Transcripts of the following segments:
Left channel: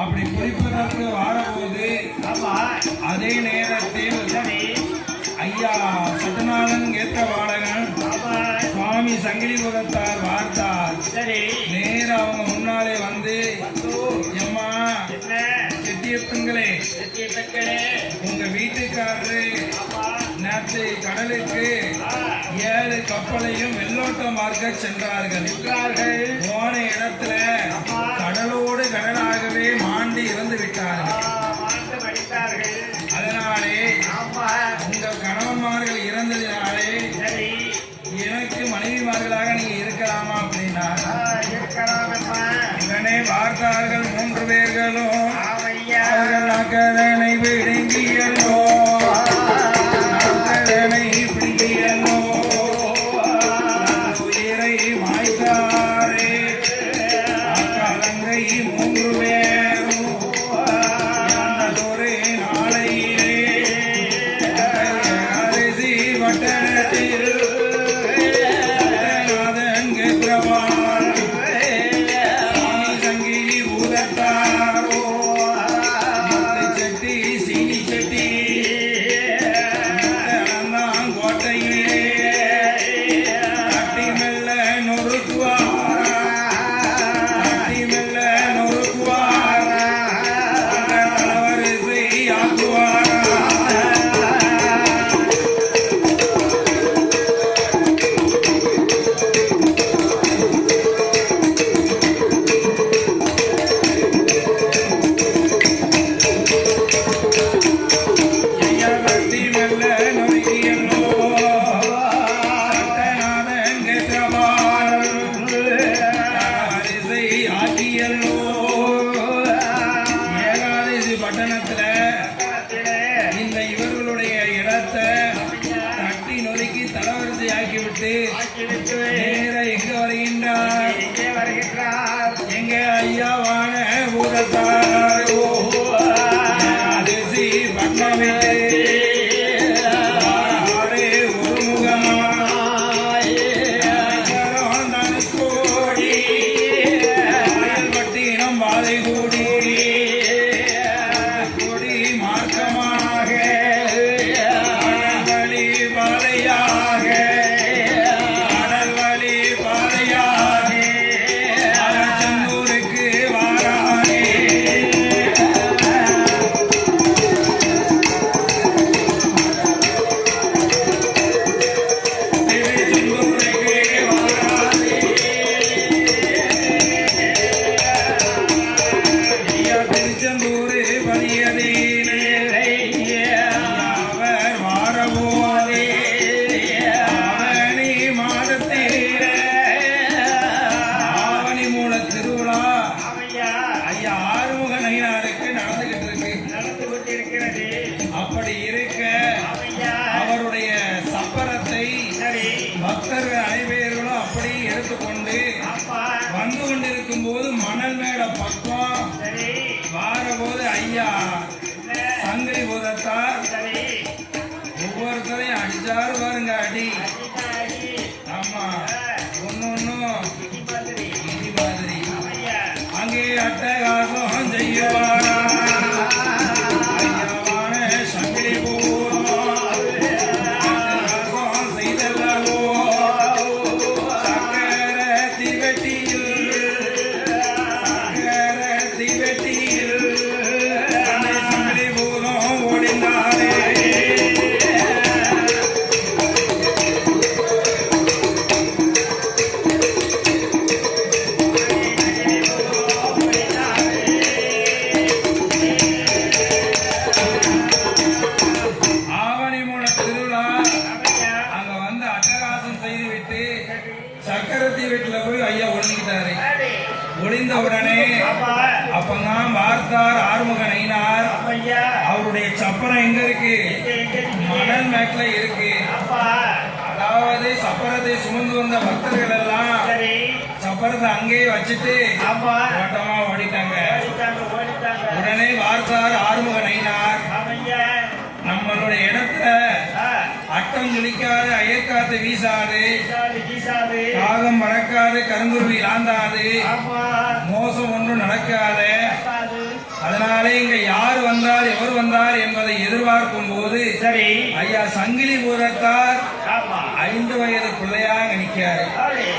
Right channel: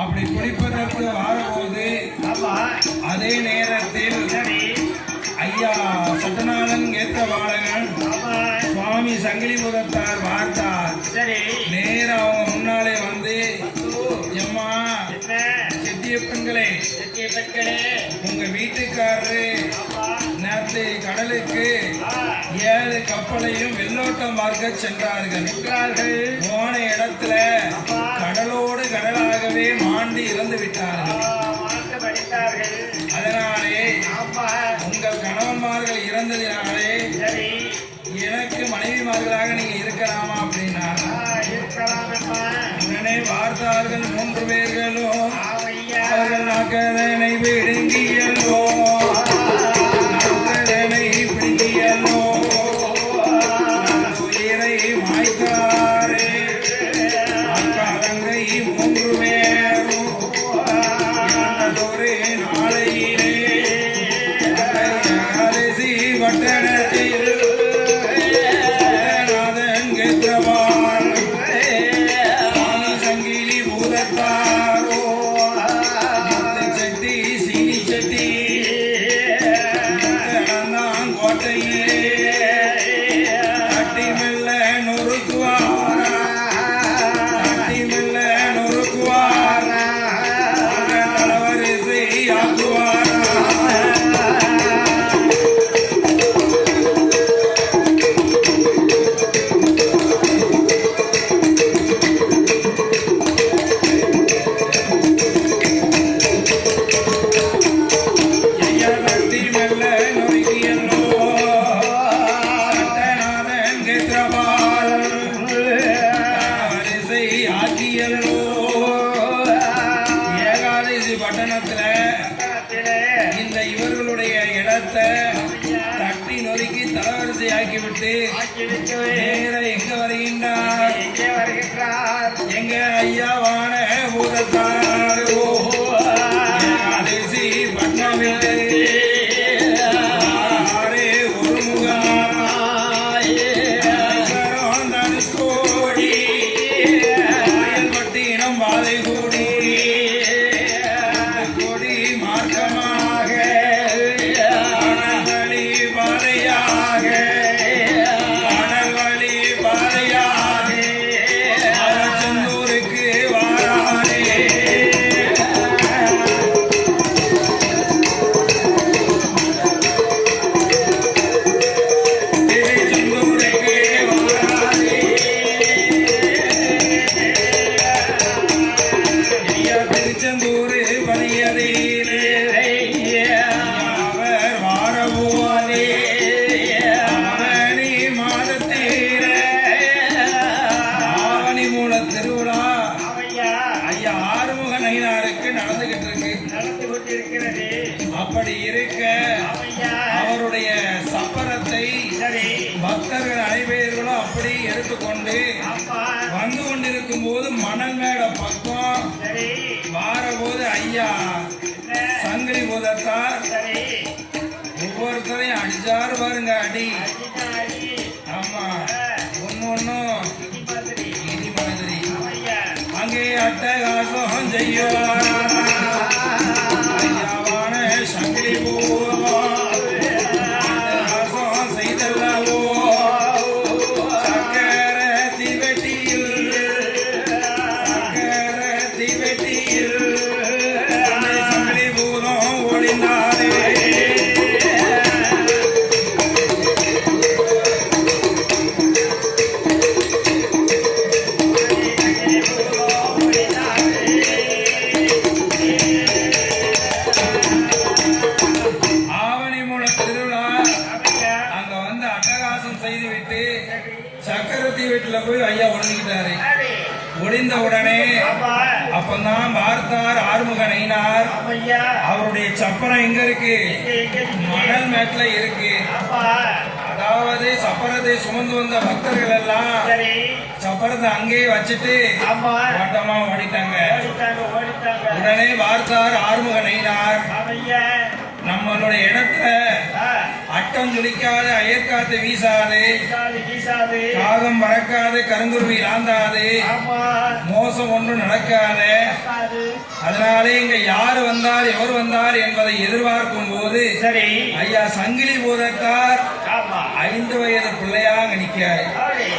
அப்படி குளிப்பதற்கு வாழும்போது அதே நேரத்தில் ஐயா சட்டநாதன் ஏற்றவாளகன் சுவாமி சங்கிலிபுரத்தார் பார்த்தார். நேர அவங்க முன்னாலே வந்து எம்மா செட்டியப்பங்களே உங்க வீட்டுக்காரரு நேற்று கடலுக்கு 7 கப்பலையும் வெள்ளோட்டம் பார்க்க சென்றார்கள். போன இடத்துல கடலோடு கடலாகவே மாண்டி இறந்து விட்டார்கள். அதனாலே உங்கள் கணவன்மார்கள் இறந்ததினாலே எனக்கு மனைவிமார்களாக நீங்க இருக்கலாமா அப்படின்னா இதனை பார்த்தார்கள் 3 பேர்களும். நக்கதனை விடுங்கியல்லோ நக்கதனை பிடுங்கியல்லோ உயிரை மாய்த்தாரே அக்கலங்கை 3 பேரும் இறந்ததொரு நாளையிலே அரிசி வட்டணத்தில் நாதன் கேத்திரவான் சுவாமி சங்கிலி பூதத்தாரோ செட்டி சீனி செட்டி கோட்டையிலே கட்டி மெல்ல நொறுக்குவார் கட்டி மெல்ல நொறுக்குவார் தலைவரிசை ஆக்குவார். ஏகாதசி பட்டணத்துல இந்த இவர்களுடைய இடத்தை தட்டி நொறுக்கி தலவரிசை ஆக்கிவிட்டு நேர எங்க வருகின்றார்? எங்க ஐயாவான பூதத்தார் ஏகாதசி பட்டணமிட்டு அப்படி இருக்க அவருடைய சப்பரத்தை பக்தர்கள் அனைவர்களும் அப்படி எடுத்துக்கொண்டு வந்து கொண்டிருக்கும் போது மணல் மேல பக்கம் வாரபோது ஐயா சங்கிலி பூதத்தார் ஒவ்வொருத்தரையும் அடிச்சாரு பாருங்க அடி. ஆமா ஒன்னும் இடி மாதிரி அங்கே அட்டகாசம் செய்யவார். Thank you. ஆமையா அவருடைய சப்பரம் எங்க இருக்கு? மணல் மேட்ல இருக்கு. அப்பா அதாவது சப்பரத்தை சுமந்து வந்த பக்தர்கள் எல்லாம் சரி சப்பரத்தை அங்கேயே வச்சுட்டு ஆமா ஓட்டமா ஓடிட்டாங்க. ஓடிட்டாங்க உடனே வார்த்தார் ஆறுமுக நைனார், ஆமையா நம்மளுடைய இடத்துல அட்டம் துளிக்காது, அயற்காத்து வீசாது, வீசாது காகம் மறக்காது, கருங்குருவி லாந்தாது, ஆமா மோசம் ஒன்றும் நடக்காது. அது அதனாலே இங்க யார் வந்தார் எவர் வந்தார் என்பதை எதிர்பார்க்கும் போது சரி ஐயா சங்கிலி பூதத்தார் ஆமா 5 வயது பிள்ளையாக நிற்காரு. சரி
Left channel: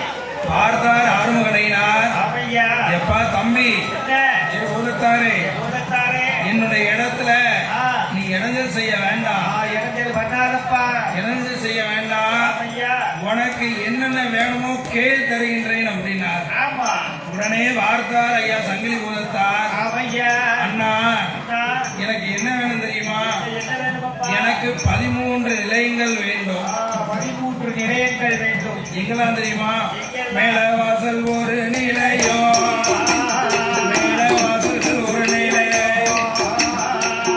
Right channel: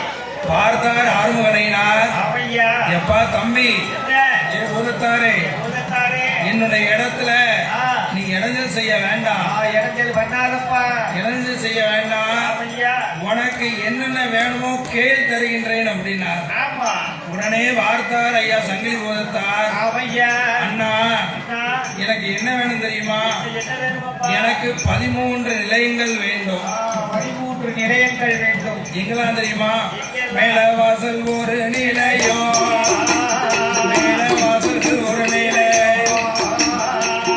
பார்த்தார் ஆறுமுகனைனார், ஆமையா எப்பா தம்பி, ஏ பூதத்தாரே, பூதத்தாரே என்னுடைய இடத்துல ஆ நீ இடைஞ்சல் செய்ய வேண்டாம், இடத்தில் வந்தாரப்பா இடைஞ்சல் செய்ய வேண்டாம், ஆமையா உனக்கு என்னென்ன வேணுமோ கேள் தருகின்றேன் அப்படின்னார். ஆமா உடனே வார்த்தார் ஐயா சங்கிலி பூதத்தார், ஆமையா அண்ணா எனக்கு என்ன வேணும் தெரியுமா? என்ன வேணுமப்பா எனக்கு 13 நிலையங்கள் வேண்டும். 13 நிலையங்கள் வேண்டும் எங்கெல்லாம் தெரியுமா? மேல வாசல் ஒரு நிலையம், மேல வாசல் ஒரு நிலையம்,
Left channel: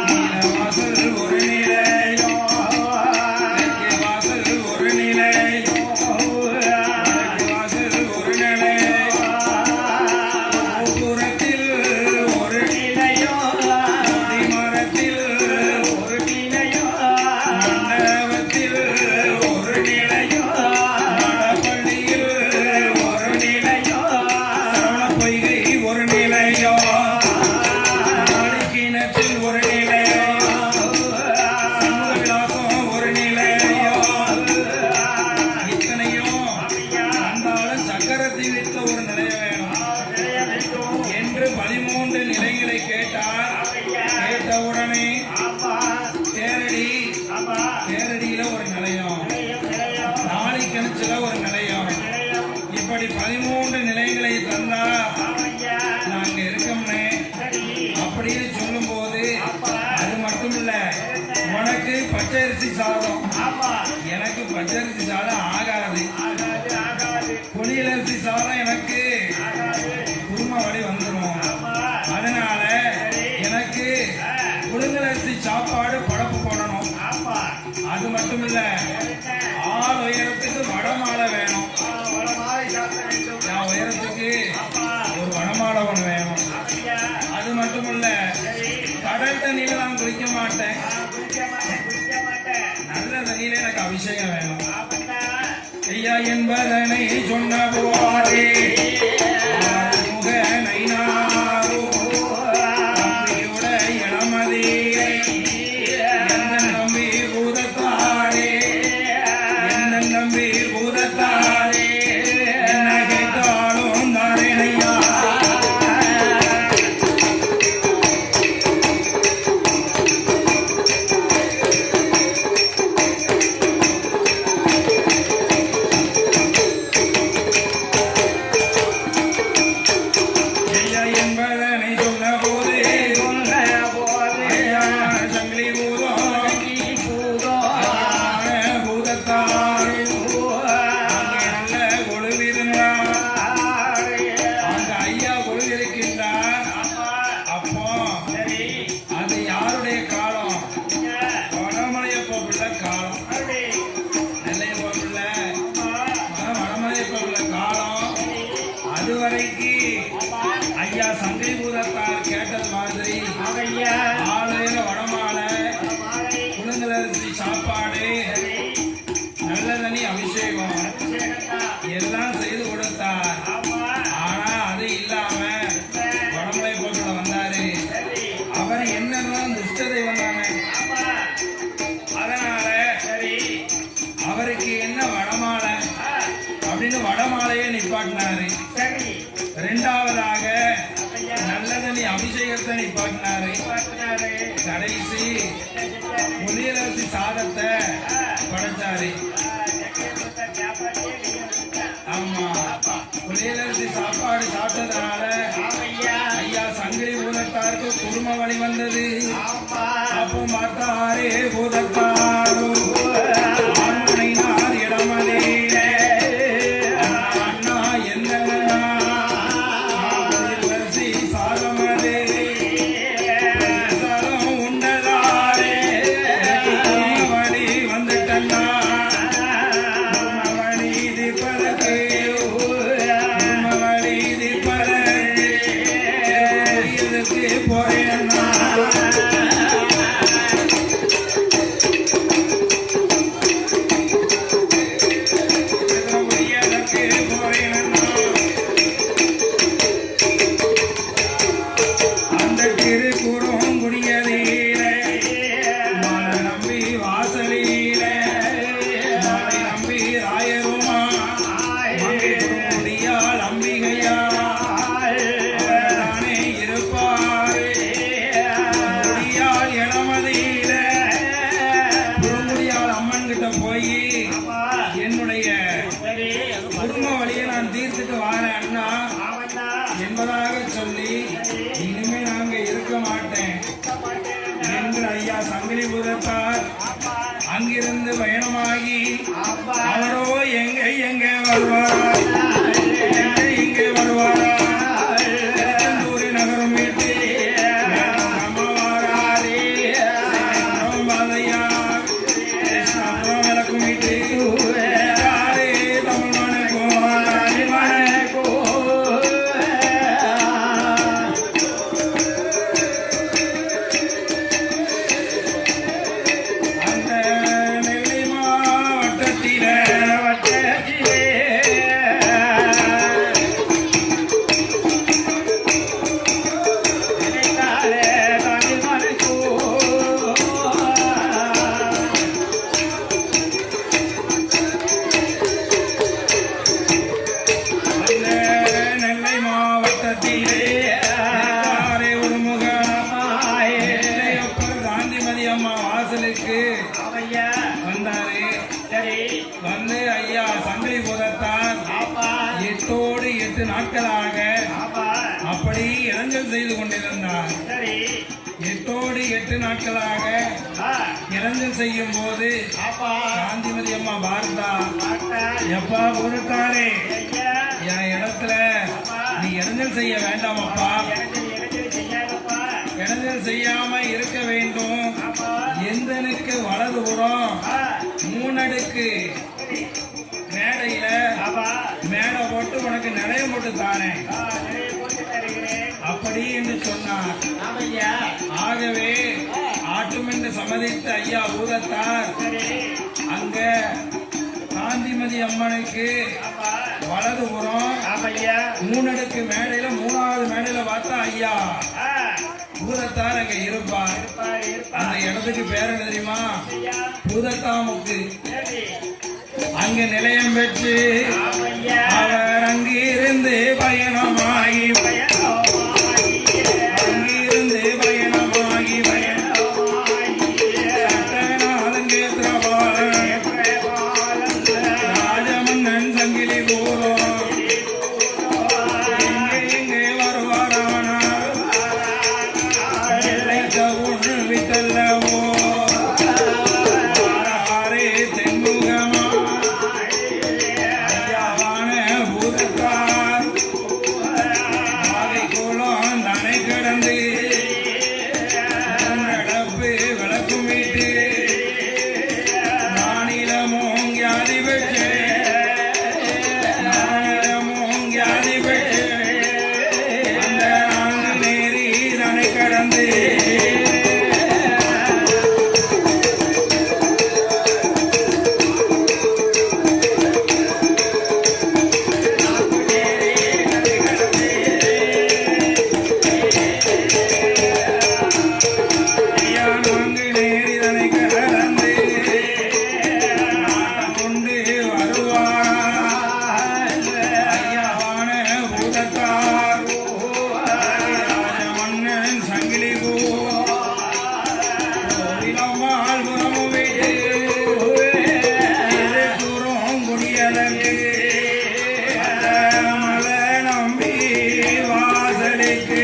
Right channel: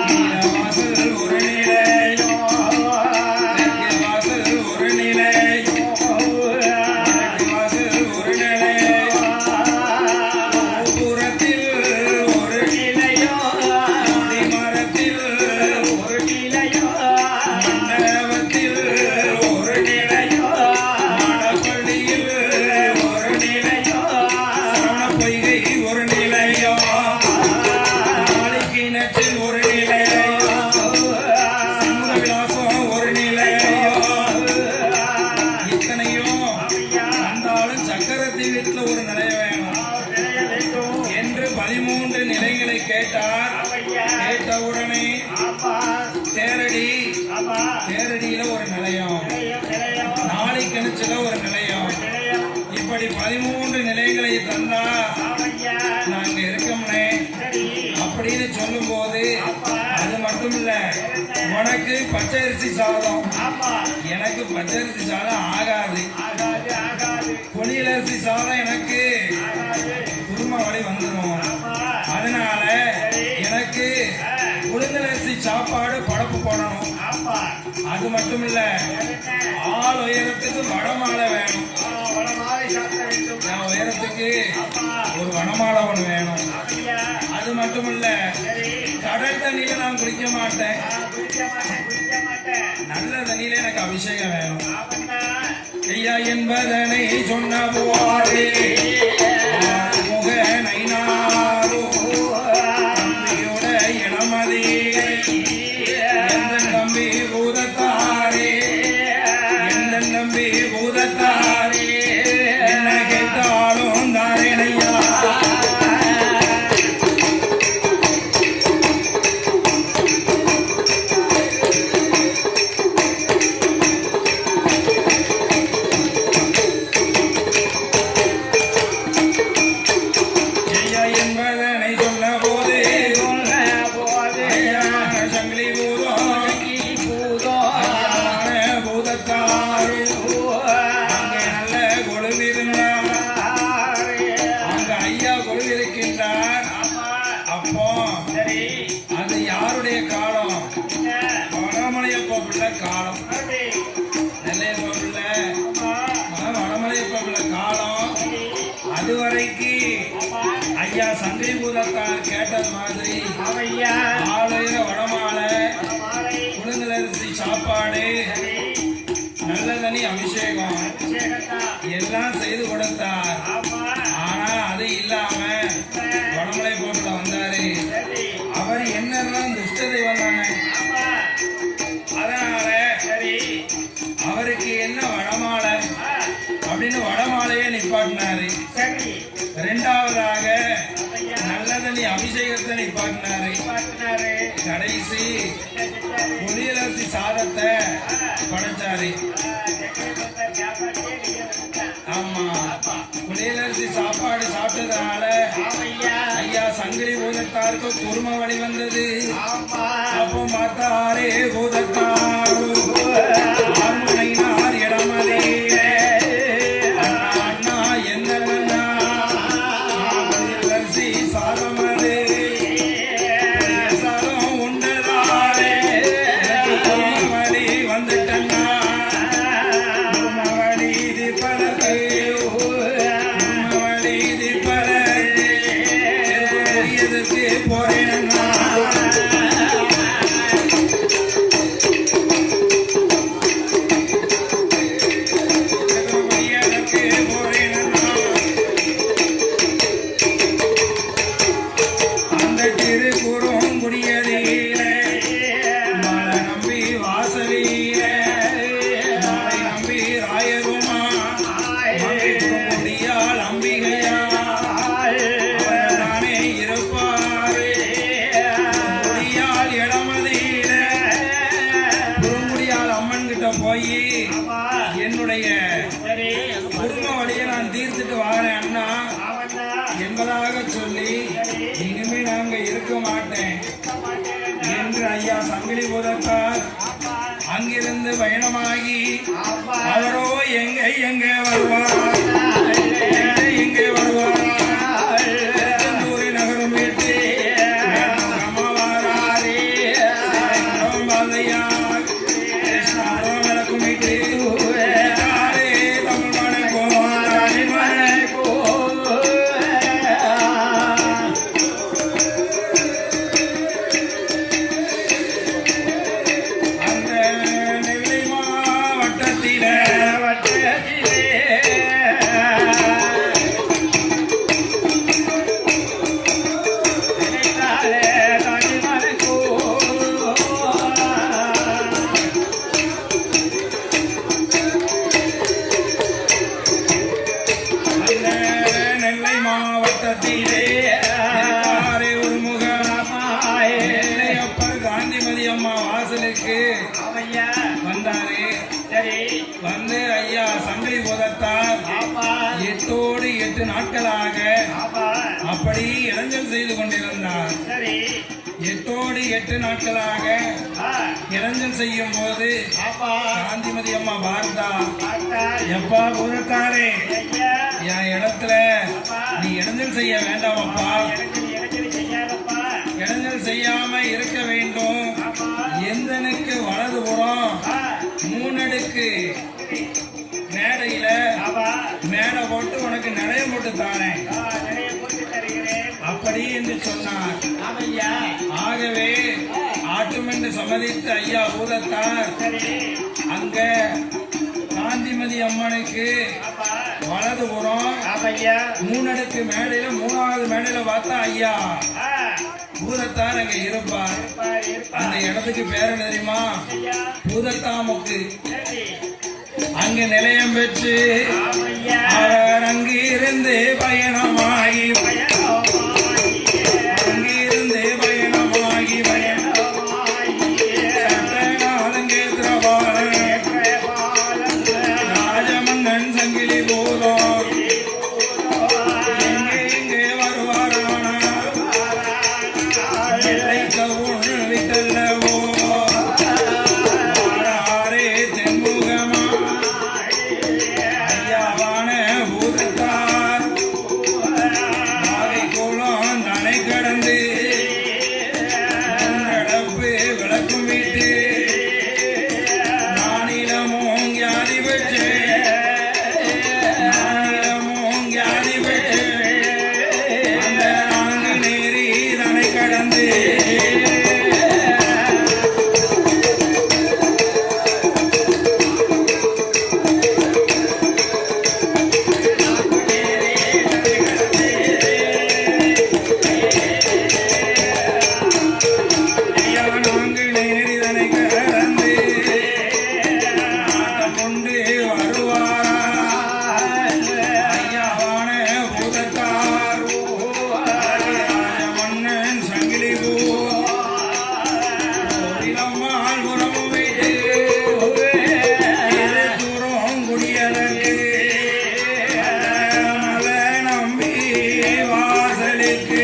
கீழ வாசல் ஒரு நிலையம், தெற்கு வாசல் ஒரு நிலையம், வடக்கு வாசல் ஒரு நிலையம், கோபுரத்தில் ஒரு நிலையம் கொடிமரத்தில் ஒரு நிலையம் மண்டபத்தில் ஒரு நிலையம், மடப்பள்ளியில் ஒரு நிலையம், சமணப்பொய்கை ஒரு நிலையம், நாளிக்கிணற்றில் ஒரு நிலையம், சமுதவிலாசம் ஒரு நிலையம். இத்தனையும் வந்தாலும் சக்கரத்தின் வீட்டில் ஒரு நிலையம் வேணும் என்று 13 நிலைகளை கேட்டார். கேட்டவுடனே தேரடி, தேரடியில ஒரு நிலையம், நாளிக்கிணற்றுல ஒரு நிலையம், இப்படி 13 நிலையங்களை தந்தா நாங்க இருக்கோம்னே அப்படின்னு சொல்லும் போது, அது மட்டும் இல்ல, உனக்கு பச்சரிசி சாதம், எனக்கு பச்சரிசி சாதம் ஆகாது, புனியரிசி சாதம் எனக்கு குரும வழி வந்துடும், அதனால எனக்கு புனிதரிசி சாப்பாடு படப்பு போடணும். அது மட்டும் இல்ல, ஆள் உயரத்துக்கு வடமாலை வேணும், நான் உயரத்துக்கு ஒரு வடமாலை ஒன்று வேணும். அது மட்டும் இல்ல, கடல் தண்ணியில நான் குளிக்க மாட்டேன், நல்ல தண்ணியில எனக்கு அபிஷேகம் வேணும். ஐயா என்பதனை சொன்ன போதே ஆறுமுக நைனாரோ, தம்பியுட இளமதியை எந்த நம்பி பூதத்தாரே, எந்த நம்பி பூதத்தாரே, என்ன கேட்டாலும் தாரேனையா. ஐயா என்பதனை சொன்ன போதே ஐயா சங்கிலி பூதம், ஐயா பூதத்தாரே, அங்கே நல்ல கொழுவிருந்தார், அங்க ஐயா கொழுவிருக்கின்றார். அப்போ அது யாருடைய காலம்? வடமலையப்ப பிள்ளை காலம், நெல்லையப்ப பிள்ளை, வடமலையப்ப பிள்ளை காலம். அதுவரைக்கு ஐயா சங்கிலி பூதத்தார் கேட்டது மாதிரி ஆலய வடமாலை, புனிதரிசி சாப்பாடு, நல்ல தனி அபிஷேகம் எல்லாம் செய்து கொடுத்தார். ஆனா அது இல்லாம வடமலை போட்டுல வந்தாரு. அவர் என்னதான் துஷ்டதை வந்தாங்க, அதனால அவருக்கு என்ன வடமாலை அப்படின்னு வடமாலையே நிப்பாட்டினாரு. இரண்டாவதாக நல்லதனி அபிஷேகத்தை நிப்பாட்டினாரு. கடைசி புனிதரிசி சாதத்தை படைச்சாரு. ஆமா, புனிதரிசி சாப்பாடு சாப்பிட்டதுனால ஐயா சங்கிலி பூதத்தாருக்கு குரும வழி வந்தது. அப்போ மாத்தாரே பூதத்தாரோ ஆண்மனைனார் இடமலே, அண்ணா எந்த புனிதரிசி சாதமதே, சாதம் சங்கிலிபுரத்தார் ஆமா அங்கிருந்து பயணமாகி ஆமா அவரோ எங்க வருவார் எங்கே வருவாரா திருச்செந்தூரி நகரம் விட்டு அம்மாவாரே மாதையார் கிருஷ்ணாபுரம் விளக்குமிட்டு தாரே தமிழ்மனை போவாரே மனை அந்த நெல்லை மாவட்டத்திலே அந்த நெல்லை மாவட்டத்திலே தாரே உருமுகம் நெல்லையப்பர் காந்திமதி அம்மா வாசலுக்கு ஆமையா வந்தாரு. சரி வந்து ஐயா சங்கிலிபுரத்தார் ஆமா 8 நாட்களாக ஆமா அப்படி இளைஞர் செய்து கொண்டிருந்தார். சரி 8 நாட்களாக ஆ இளைஞர் செய்யும் போது ஆமா காந்திமதி அம்மா பார்த்தா, பார்த்தா எப்பா ஊருக்காரே ஐயா என் இடத்துல நீ இளைஞர் செய்ய வேண்டாமப்பா, எனக்கு செய்யாதப்பா இளைஞர் செய்யாம இருக்க வேண்டும். ஆமா எந்தனுக்கு வலதுபுறம் ஆ 3 அடுக்கு மேடையில ஆமா மேடை போட்டு உனக்கு நிலையம் போட்டு தானேன் நிறைய போட்டு தருகிறேன் அப்படி என்று சொன்னார். ஆமையா ஆகவே ஆட்டுமென்று சம்மதித்த ஐயா ஊரத்தார் சரி அங்க காந்திமதி அம்மனுக்கு ஆமா வலதுபுறம் ஆமையா 3 அடுக்கு மேடையில 3வது மேடையில பார்த்தா ஐயா ஆ பூதத்தார் அங்க இருப்பார். இருப்பா இருப்பா அந்த இடத்துக்கு பேர் என்ன தெரியுமா? ஐயா பூதத்தாமுக்கு. சரி அங்க நிலையம் பெற்று ஆமையா அவர் அங்கிருந்து பயணமாகி அங்கிருந்து பயணமாகி அலங்கேத்திரபாலன் ராஜமன்னன் சங்கிலி பூதம் எங்கே வருவாரானார் எல்லை தவுள் விட்டல்லவோ ஆரே தென்முகமா ஐயாவான பூதத்தார் மாலை கோலம் தனை கடந்து நடப்பு விளக்குமிட்டு நானிலமும் ஞாதி பெற்று நானிலமும் ஞாதி பெற்று அந்த நான்கு நேரி தனை கடந்து ஐயா நான்கு நேரி தனை கடந்து நாட்டம் கொண்டு வருவாரா ஐயாவான பூதத்தார் ராஜமன்னன் சங்கிலி பூரம்மாள் புறம் விட்டு தூரம் குடியதற்கு மல நம்பி வாசலுக்கு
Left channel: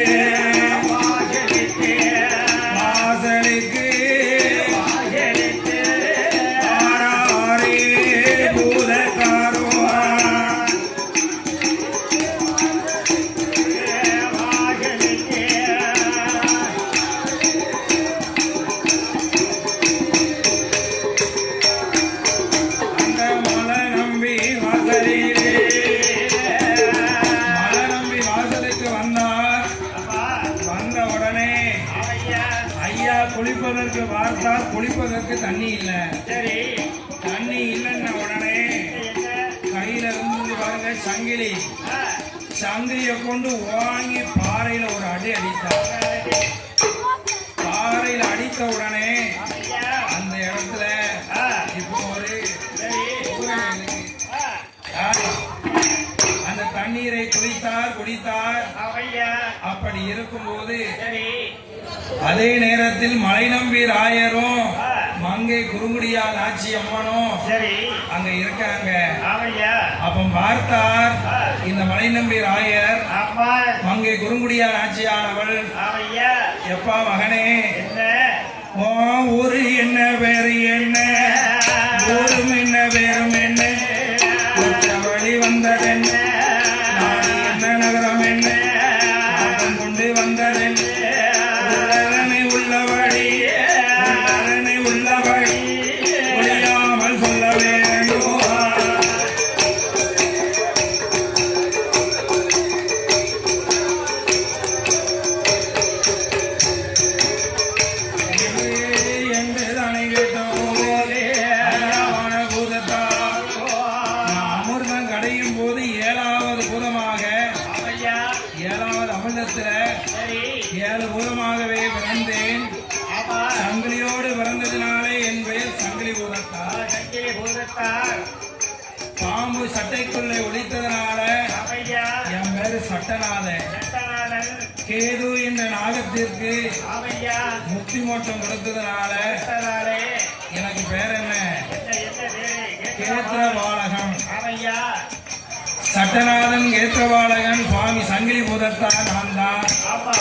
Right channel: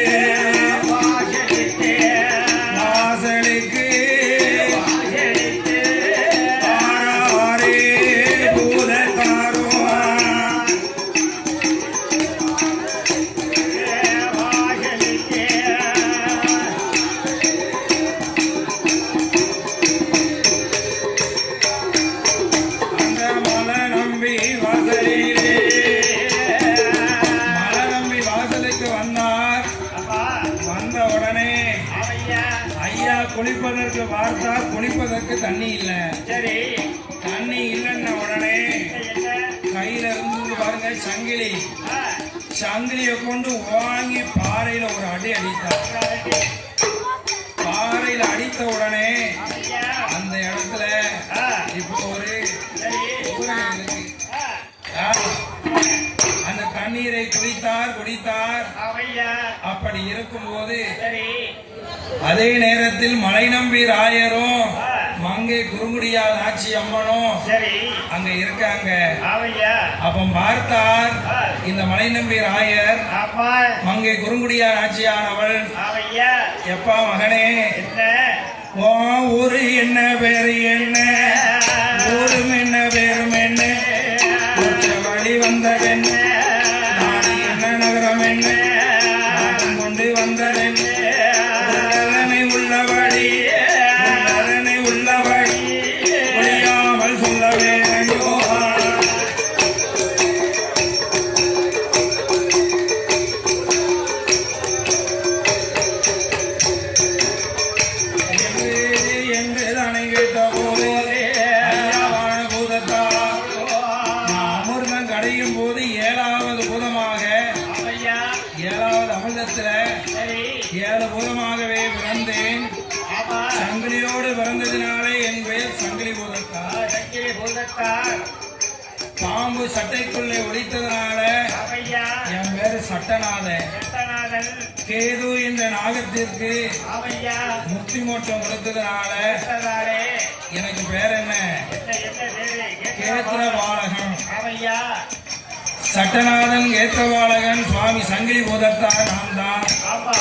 வாசலுக்கு ஆராரே பூதத்தாரோ அந்த மலை நம்பி வாசலிலே மலை நம்பி வாசலுக்கு வந்தார். வந்த உடனே ஐயா குளிப்பதற்கு பார்த்தார். குளிப்பதற்கு தண்ணி இல்ல. சரி தண்ணி இல்லைன்ன உடனே கையில இருந்து பாருங்க சங்கிலி. சங்கிலியை கொண்டு வாங்கி பாறையில ஒரு அடி அடித்தார். பாறையில அடித்த உடனே அந்த இடத்துல இப்போ ஒரு ஊரணி இருக்கு. அந்த தண்ணீரை குடித்தார். அப்படி இருக்கும்போது சரி அதே நேரத்தில் மலை நம்பி ராயரும் மங்கை குறுங்குடியால் ஆட்சி அம்மனும் சரி அங்க இருக்காங்க. ஆமையா அப்ப பார்த்தார் இந்த மலை நம்பி ராயர் ஆமா மங்கை குறுங்குடியால் ஆட்சியானவள், ஆமையா எப்பா மகனே என்ன உன் பாம்பு சட்டைக்குள்ளே ஒளித்ததனால ஆமையா என் பேரு சட்டநாதன். சட்டநாதன் கேது என்ற நாகத்திற்கு ஆமையா முக்தி மோட்சம் கொடுத்ததனால சட்டநாதே எனக்கு பேர் என்ன? கேத்திரவாளகன். ஆமையா சட்டநாதன் கேத்திரவாளகன் சுவாமி சங்கிலி பூதத்தார் நான் தான். ஆமா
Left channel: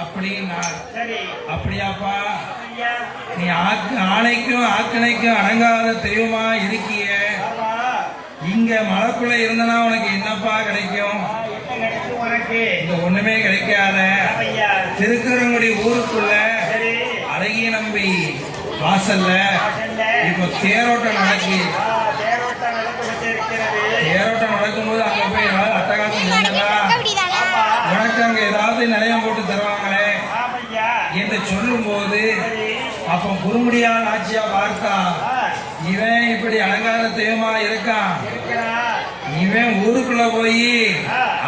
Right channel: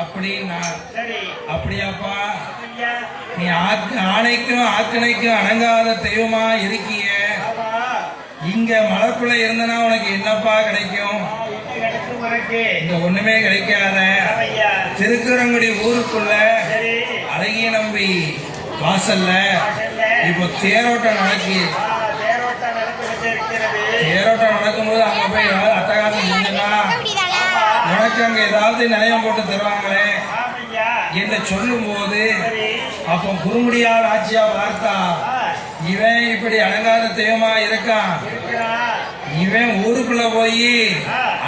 அப்படின்னா சரி அப்படியாப்பா, ஆமையா நீ ஆணைக்கும் ஆக்கணைக்கும் அடங்காத தெய்வமா இருக்கிய. ஆமா இங்க மலைக்குள்ள இருந்தனா உனக்கு என்னப்பா கிடைக்கும்? என்ன கிடைக்கும் உனக்கு? இங்க ஒண்ணுமே கிடைக்காத. ஆமையா திருக்குறங்குடி ஊருக்குள்ள சரி அழகிய நம்பி வாசல்ல வாசல்ல இப்போ தேரோட்டம் நடக்கு. தேரோட்டம் நடந்து கொண்டிருக்கிறது. தேரோட்டம் நடக்கும்போது அங்க போய் ஏதாவது அட்டகாசம் செஞ்சனா ஆமா உனக்கு அங்க ஏதாவது நிலையம் போட்டு தருவாங்களே ஆமையா என்று சொல்லும் போது சரி அப்ப குறுங்குடியார் ஆட்சியா பார்த்தா இவன் இப்படி அலங்கார தெய்வமா இருக்கான். இருக்கிறா இவன் ஊருக்குள்ள போய்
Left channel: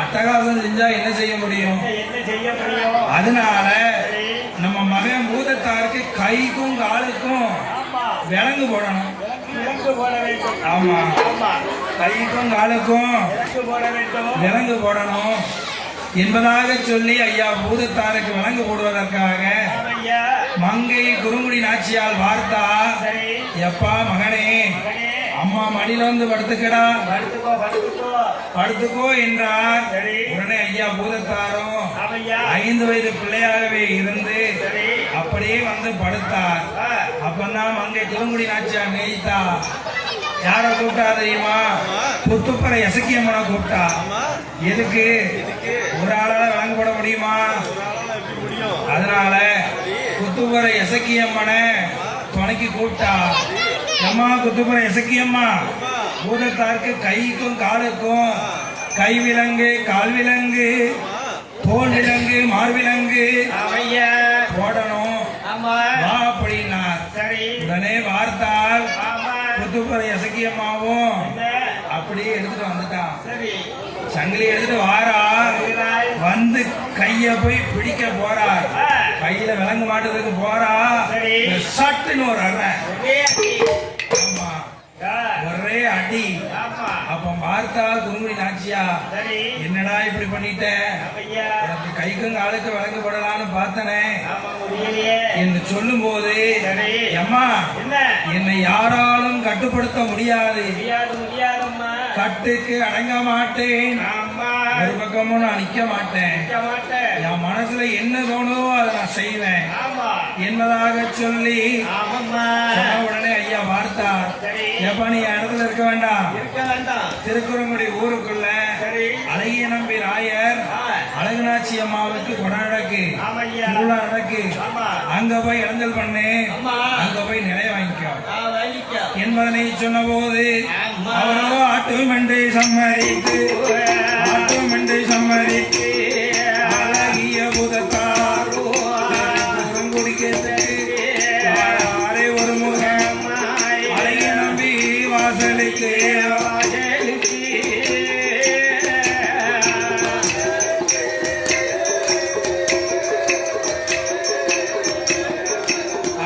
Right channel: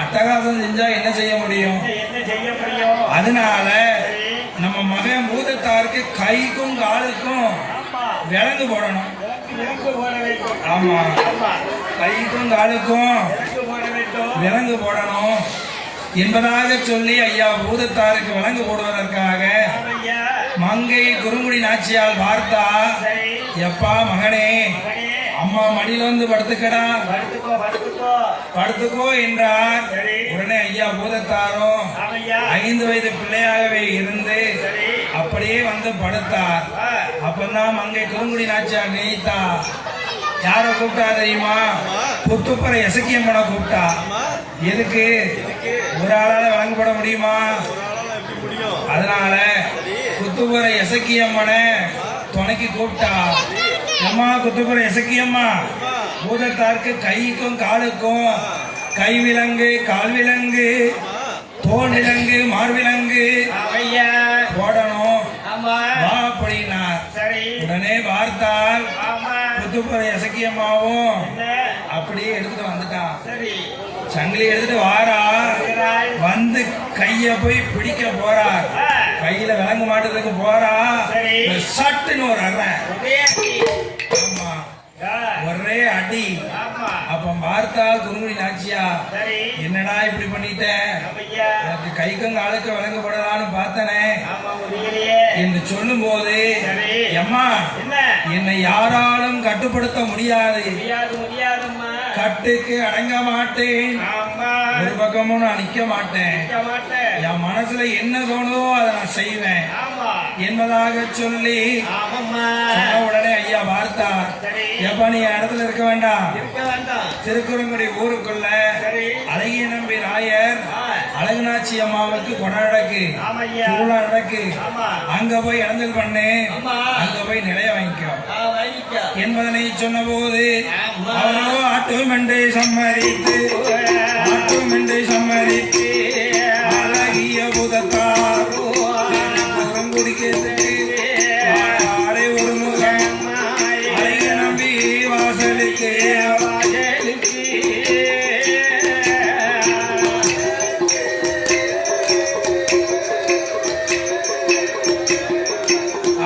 அட்டகாசம் செஞ்சா என்ன செய்ய முடியும்? என்ன செய்ய முடியும்? அதனால சரி நம்ம மகன் பூதத்தாருக்கு கைக்கும் காலுக்கும் ஆமா விலங்கு போடணும். விலங்கு போட வேண்டும். ஆமா, ஆமா கைக்கும் காலுக்கும் விலங்கு போட வேண்டும் விலங்கு போடணும் என்பதாக சொல்லி ஐயா பூதத்தாருக்கு விலங்கு போடுவதற்காக ஆமையா மங்கை குறுங்குடி நாச்சியால் பார்த்தா, சரி எப்பா மகனே மகனே அம்மா மடியில வந்து படுத்துக்கிறா, படுத்துக்கோ படுத்துக்கோ படுத்துக்கோ என்றார். சரி உடனே ஐயா பூதத்தாரும் ஆமையா 5 வயது பிள்ளையாகவே இருந்து சரி அப்படியே வந்து படுத்தார். அப்பதான் மங்கை குறுங்குடி நாச்சியார் நினைத்தா, யார கூப்பிட்டா தெரியுமா? புத்துப்பற எசக்கியம்மனை கூப்பிட்டா. எதுக்கு? ஒரு ஆளால விலங்கு போட முடியுமா? அதனால குத்துப்புற எசக்கியம்மனை துணைக்கு கூப்பிட்டா. அம்மா குத்துப்புற எசக்கியம்மா, பூதத்தாருக்கு கைக்கும் காலுக்கும் கை விலங்கு, கால் விலங்கு, தோல் விலங்கு, மார்விலங்கு ஆமையா போடணும் ஆமா வா அப்படின்னார். சரி உடனே வார்த்தால் ஆமா புத்துப்புற எசக்கியம்மாவும் என்ன? அப்படியே எடுத்துட்டு வந்துட்டான். சரி சங்கிலி எடுத்துட்டு வாரா, வருகிறாய். வந்து கைய போய் பிடிக்க போறார். ஆ, கையில விலங்கு மாட்டுறதுக்கு போறா, சரி. சட்டுன்னு ஒரு அறை. ஒரே அடி. ஆமா, ஆ, ஒரே அடி. ஆமா அப்ப பார்த்தா குறுங்குடி நாச்சியா, சரி என்னடா இப்படி பண்ணிட்ட? ஆமையா எனக்கு கைக்கும் காலுக்கு விலங்கு போடலான்னு பார்த்தனே ஆமா முடியலையே. என்று சொல்லும் போது, சரி அம்மா என்ன? என்னை யாராலும் கட்டுப்படுத்த முடியாது, முடியாது முடியாதும்மா. கட்டுக்கு அடங்க மாட்டேன், ஆமா ஒரு பக்கமும் நான் நிக்க மாட்டேன், நிக்க மாட்டேன். என் மனசுல என்ன தோணுதோ அதை நான் செய்வேன் ஆமா என்பதாக சொல்லி ஆமாம்மா சொன்ன உடனே ஐயா பார்த்தார். சரி எப்ப நீ இடத்துல இருக்க வேண்டாம், இருக்க வேண்டாம். திருக்குறங்குடி ஊருக்குள்ள சரி அழகிய நம்பி ராயர் ஆ, அழகுநாச்சி அம்மாவுக்கு கொண்டாடக்கு ஆமையா திருவிழா நடக்கு, ஆமா அங்க போய் இடங்கள் பண்ணு, ஆமா அங்க போய் நிலைய வாங்கிக்கோ வாங்கிக்க. என்பதனை சொன்ன போது ஆமா. அவரோ ஆட்டும் என்று சம்மதித்து, ஆட்டும் என்று சம்மதித்து அழகிய புதத்தார் குறுங்குடிக்கு ஆரே ஒரு முகம் அழகிய நம்பி வாசலுக்கு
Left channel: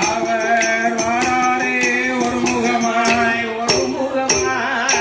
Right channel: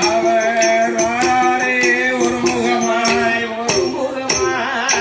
அவர் வாரே ஒரு முகமாய் ஒரு முகமாய்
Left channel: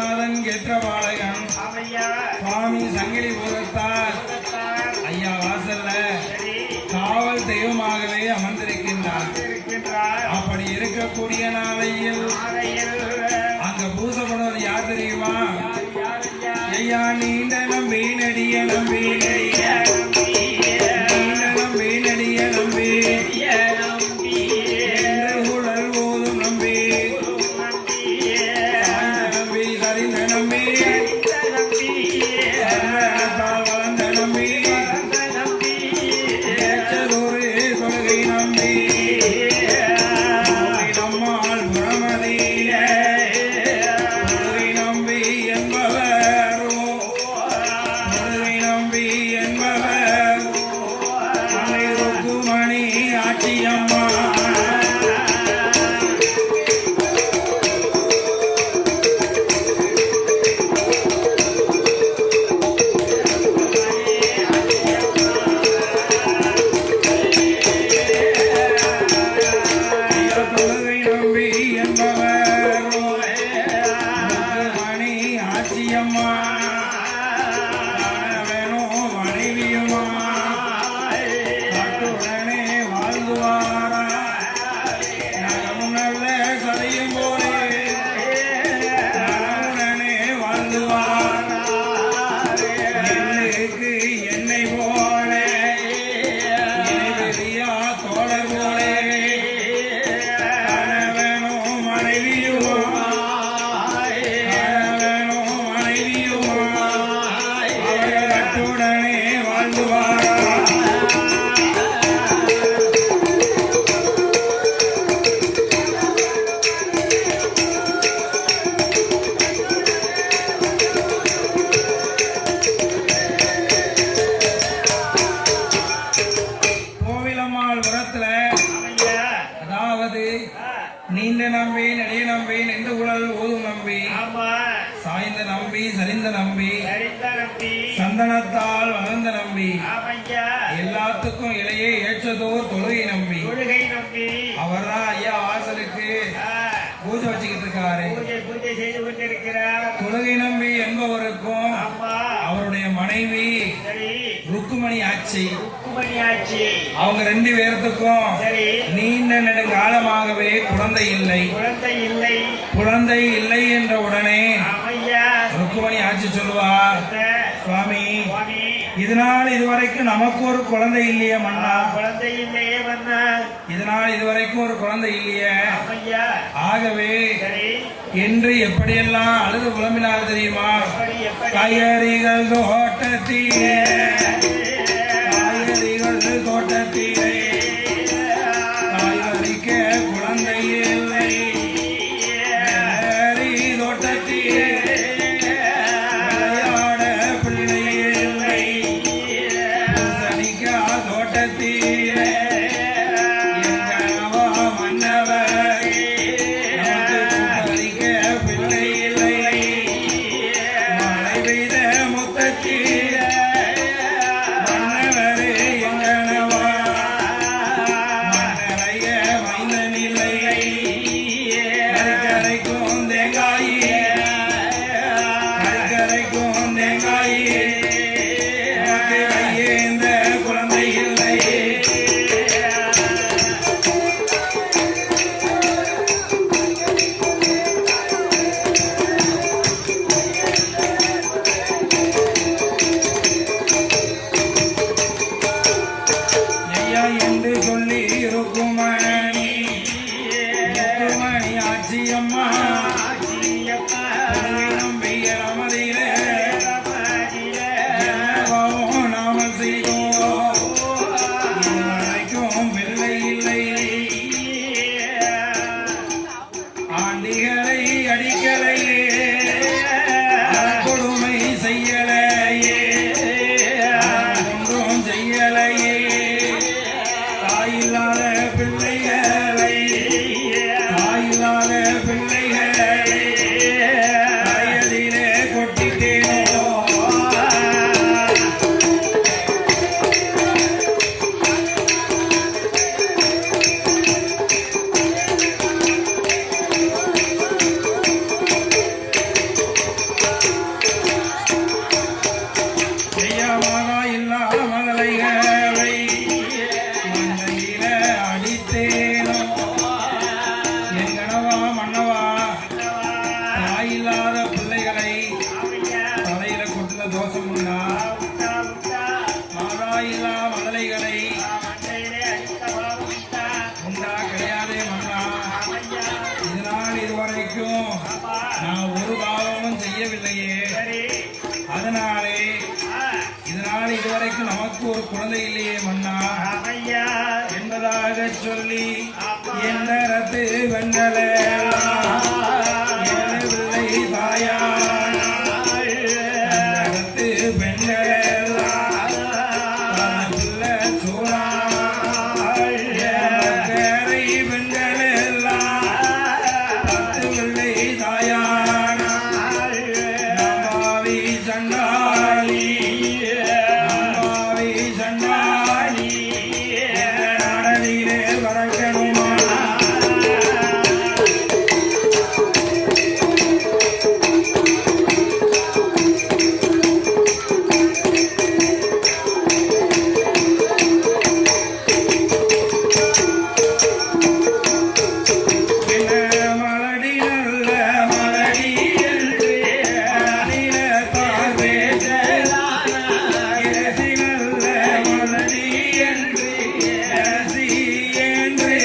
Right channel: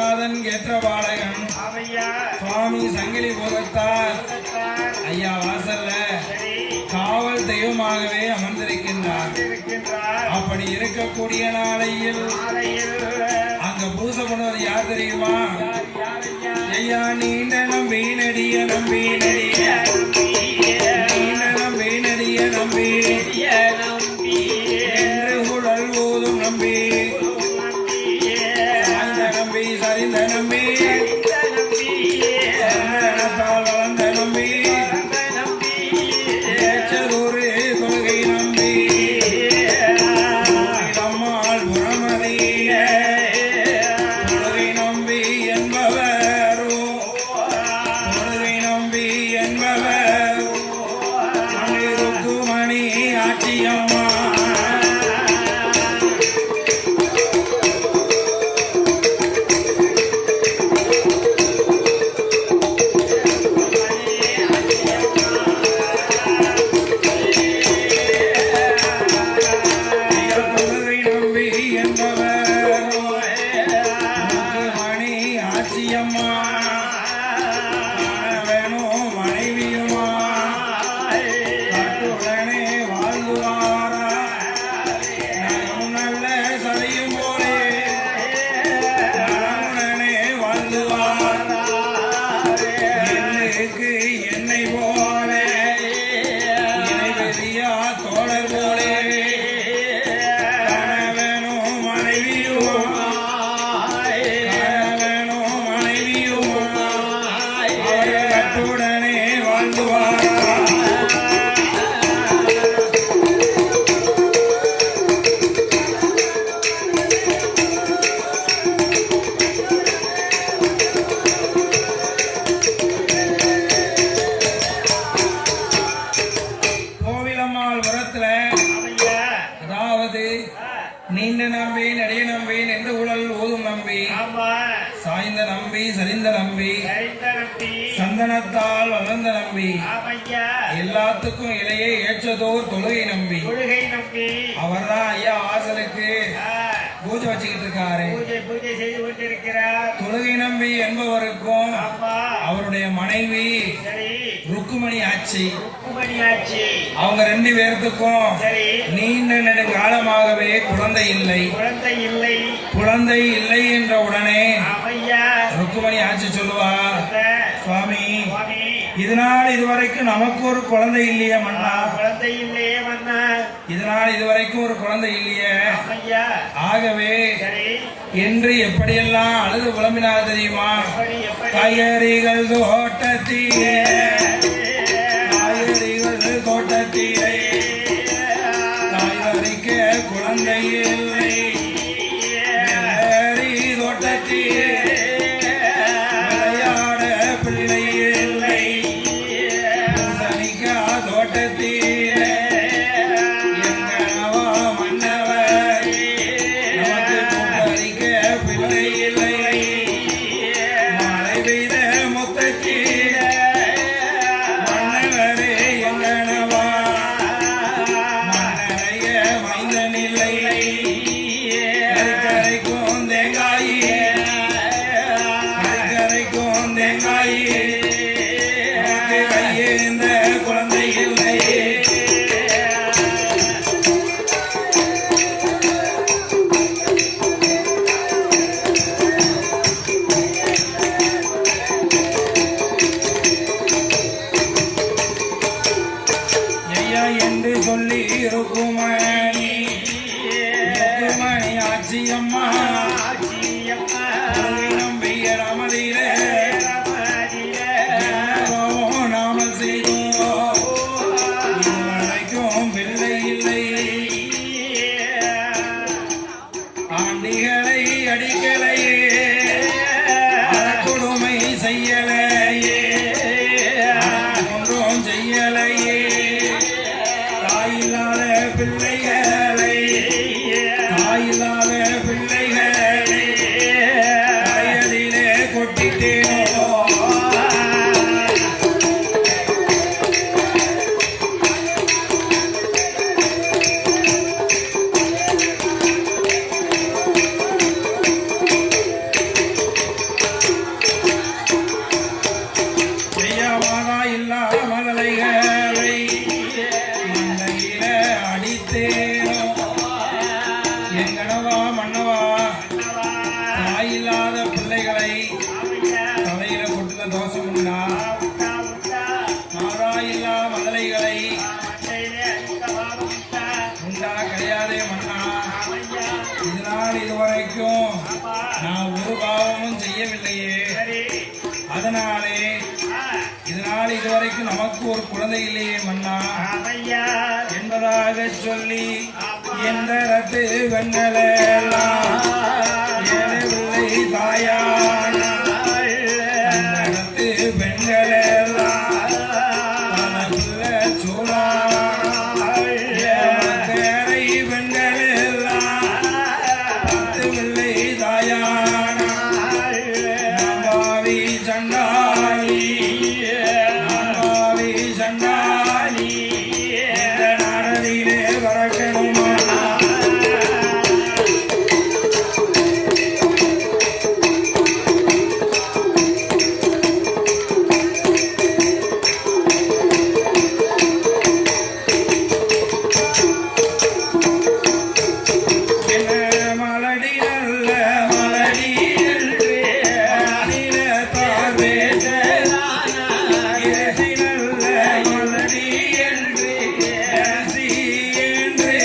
குருநாதன் ஏற்ற பாலகன் ஆமையா சுவாமி சங்கிலி போகத்தார் உலகத்தார் ஐயா வாசல்ல சரி காவல் தெய்வமாகவே அமர்ந்திருக்கின்றார். இருக்கின்றார் அப்படி இருக்கக்கூடிய நாளையில் ஆலையில் அங்க பூசை பண்ணுவது யார் தெரியுமா? யாரையா ஐயா நீண்ட நம்பி நடிய நம்பி நடிய நீண்ட நம்பி நடிய நம்பி என்று குழல் போதும் நம்பி சாய்ந்த நம்பி சரிந்த நம்பி சரணத்தால் வளர்ந்த நம்பி ஏற்றதொரு தொழுகை நம்பி நம்மால் புறமதி தொழுகை நம்பி என்பவரோ தொழுகை நம்பி என்பவர் ருக்குமணி ஆட்சியம்மா தொழுகை நம்பி என்பவர் ருக்குமணி ஆட்சியம்மா வேணும் மனைவியுமா காட்டுடனே வாழ்ந்துவாரா நலம் நல்ல சதையும் போலே நலமுடனே வாழ்ந்துவாரா என்னுக்கு என்னை போல இணை பெரியா தோழர் போலே காண வேணும் மனைவியுமா காண வேணும் மனைவியுமா கட்டுடனே வாழ்ந்துவாரா கோவிலம்மாள் புறத்துல ஆமையா அதாவது நீண்ட நம்பி நெடிய நம்பி நின்று குழல் ஓதும் நம்பி ஆமா சாய்ந்த நம்பி சரிந்த நம்பி சரிந்த நம்பி சந்தனத்தால் வளர்ந்த நம்பி ஆமையா எல்லாத்துக்கும் இலையே ஏற்றதோர் தொழுகை நம்பி தொழுகை நம்பி அவர்தான் ஐயா வாசலுக்கு பூஜை வச்சுக்கிட்டு இருக்காரு. பூஜை செய்து கொண்டிருக்கிறார் தொழுகை நம்பி என்பவருக்கும் ஆமா அவருடைய மனைவி சரி ருக்குமணி ஆட்சி உக்குமணியாச்சி அவங்க ரெண்டு பேர்த்துக்கும் சரி நீண்ட நெடுங்காலமாகவே குழந்தை இல்லை. குழந்தை இல்லை குழந்தை இல்லை என்ற உடனே ஆமையா ருக்குமணி ஆட்சி சொல்லுவார், சுவாமி சுவாமி இதனால் இதுவரைக்கும் நமக்கு ஒரு குழந்தை இல்லையே மன்னா, குழந்தை இல்லையே மன்னா இதனால் இதுவரைக்கும் ஒரு குழந்தை இல்லையே, ஆமையா ஆகவே சரி என்று எப்படியெல்லாம் அழுது புலம்பினார் தெரியுமா? எப்படி எப்படி காய்கறிகள் தோட்டத்திலே காய்கறிகள் தோட்டத்திலே காய்கறிக்க குழந்தை இல்லை, வெள்ளரி தோட்டத்திலே விளையாட பிள்ளை இல்லை, சனிக்கா தோட்டத்திலே எங்கனவா மன்னவர் நமக்கு கூட்டறிக்க பிள்ளை இல்லை, மழை பெய்த முத்தத்திலே மன்னவரே எங்கனவா சரி அதனாலே ஆ, இதனால் இதுவரைக்கும் நமக்கு ஒரு குழந்தை இல்லையே மன்னா ஆமையா என்பதாக சொல்லி எந்த ரத்து வெண்ணலாம் ஏழவில்லை தாயான ரத்து பெண்களெல்லாம் உள்ள சூழா பேரை பெண்களெல்லாம் ரத்து வெள்ளை தாயான நம்பாவி சண்டாளி நம்பாவி சண்டாளி நாடனிலே வரக்கணுமா மலடி நல்ல மலடி என்று மலடிலே இயேசி நல்ல மலடி என்று இயேசி என்று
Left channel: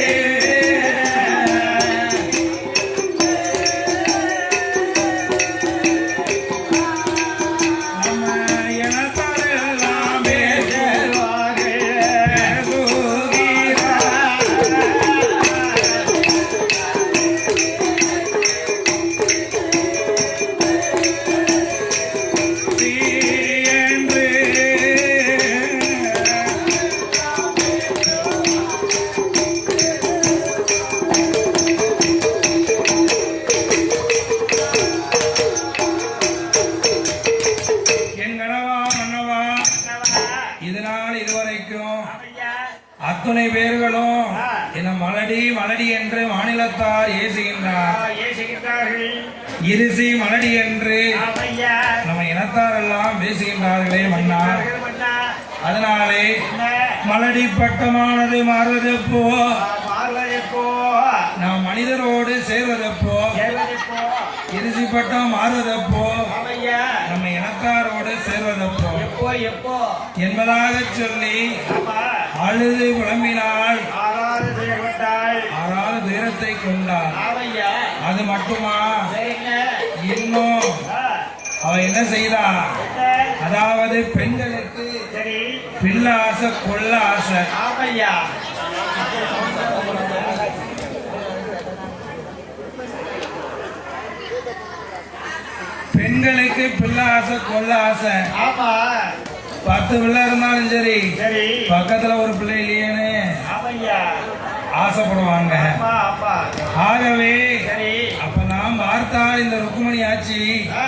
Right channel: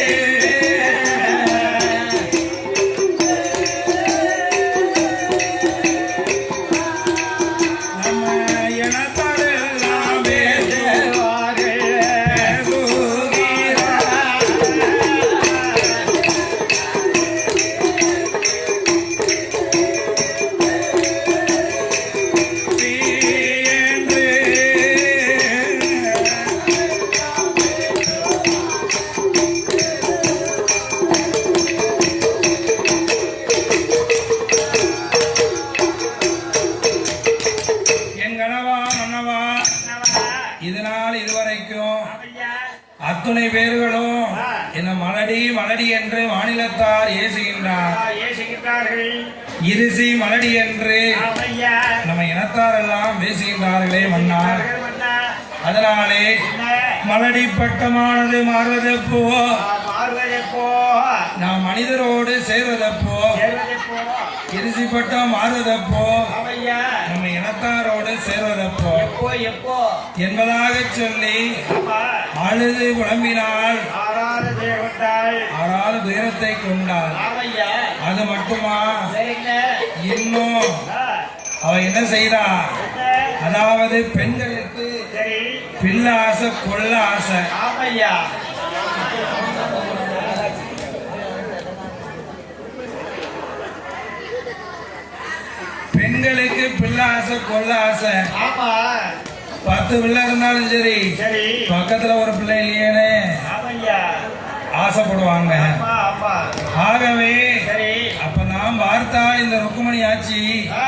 நம்ம இனத்தோடெல்லாம் பேசுவார்கள் என் கனவா மன்னவா இதனால் இதுவரைக்கும் ஆமையா அத்துணை பேர்களும் என்ன மலடி மலடி என்று மாநிலத்தார் ஏசுகின்றார் ஏசுகின்றார்கள் இருசி மலடி என்று ஆமையா நம்ம இனத்தார் எல்லாம் பேசுகின்றார்களே மன்னா மன்னா அதனாலே என்ன மலடி பட்டமானது மாறுவதப்போ மாறுவதெப்போ நாம் மனிதரோடு சேர்வதப்போ சேர்வதெப்போ இருசி பட்டம் மாறுவதப்போ ஆமையா நம்ம இனத்தாரோடு சேர்வதப்போ எப்போ எப்போ என்பதாக சொல்லி ஆமா அழுது புலம்பினாள் ஆறாறு தேவட்டாள் ஆறாவது துயரத்தை கொண்டாள் ஆமையா அது மட்டுமா சரிங்க இன்னும் அவ என்ன செய்தா என்ன அதாவது பெண்களுக்கு சரி பிள்ள ஆசை கொள்ள ஆசை ஆமையா பெண்களுக்கு பிள்ள ஆசை கொள்ள ஆசை ஆமா 10 பிள்ளை இருந்தாலும் சரி சரி பக்கத்துல ஒரு பிள்ளை இல்லையேன்னு ஆமையா ஆசைப்படுவாங்க ஆமா ஆமா ஆகவே சரி அப்பதான் பார்த்தால் இந்த ருக்குமணி ஆட்சி ஆ,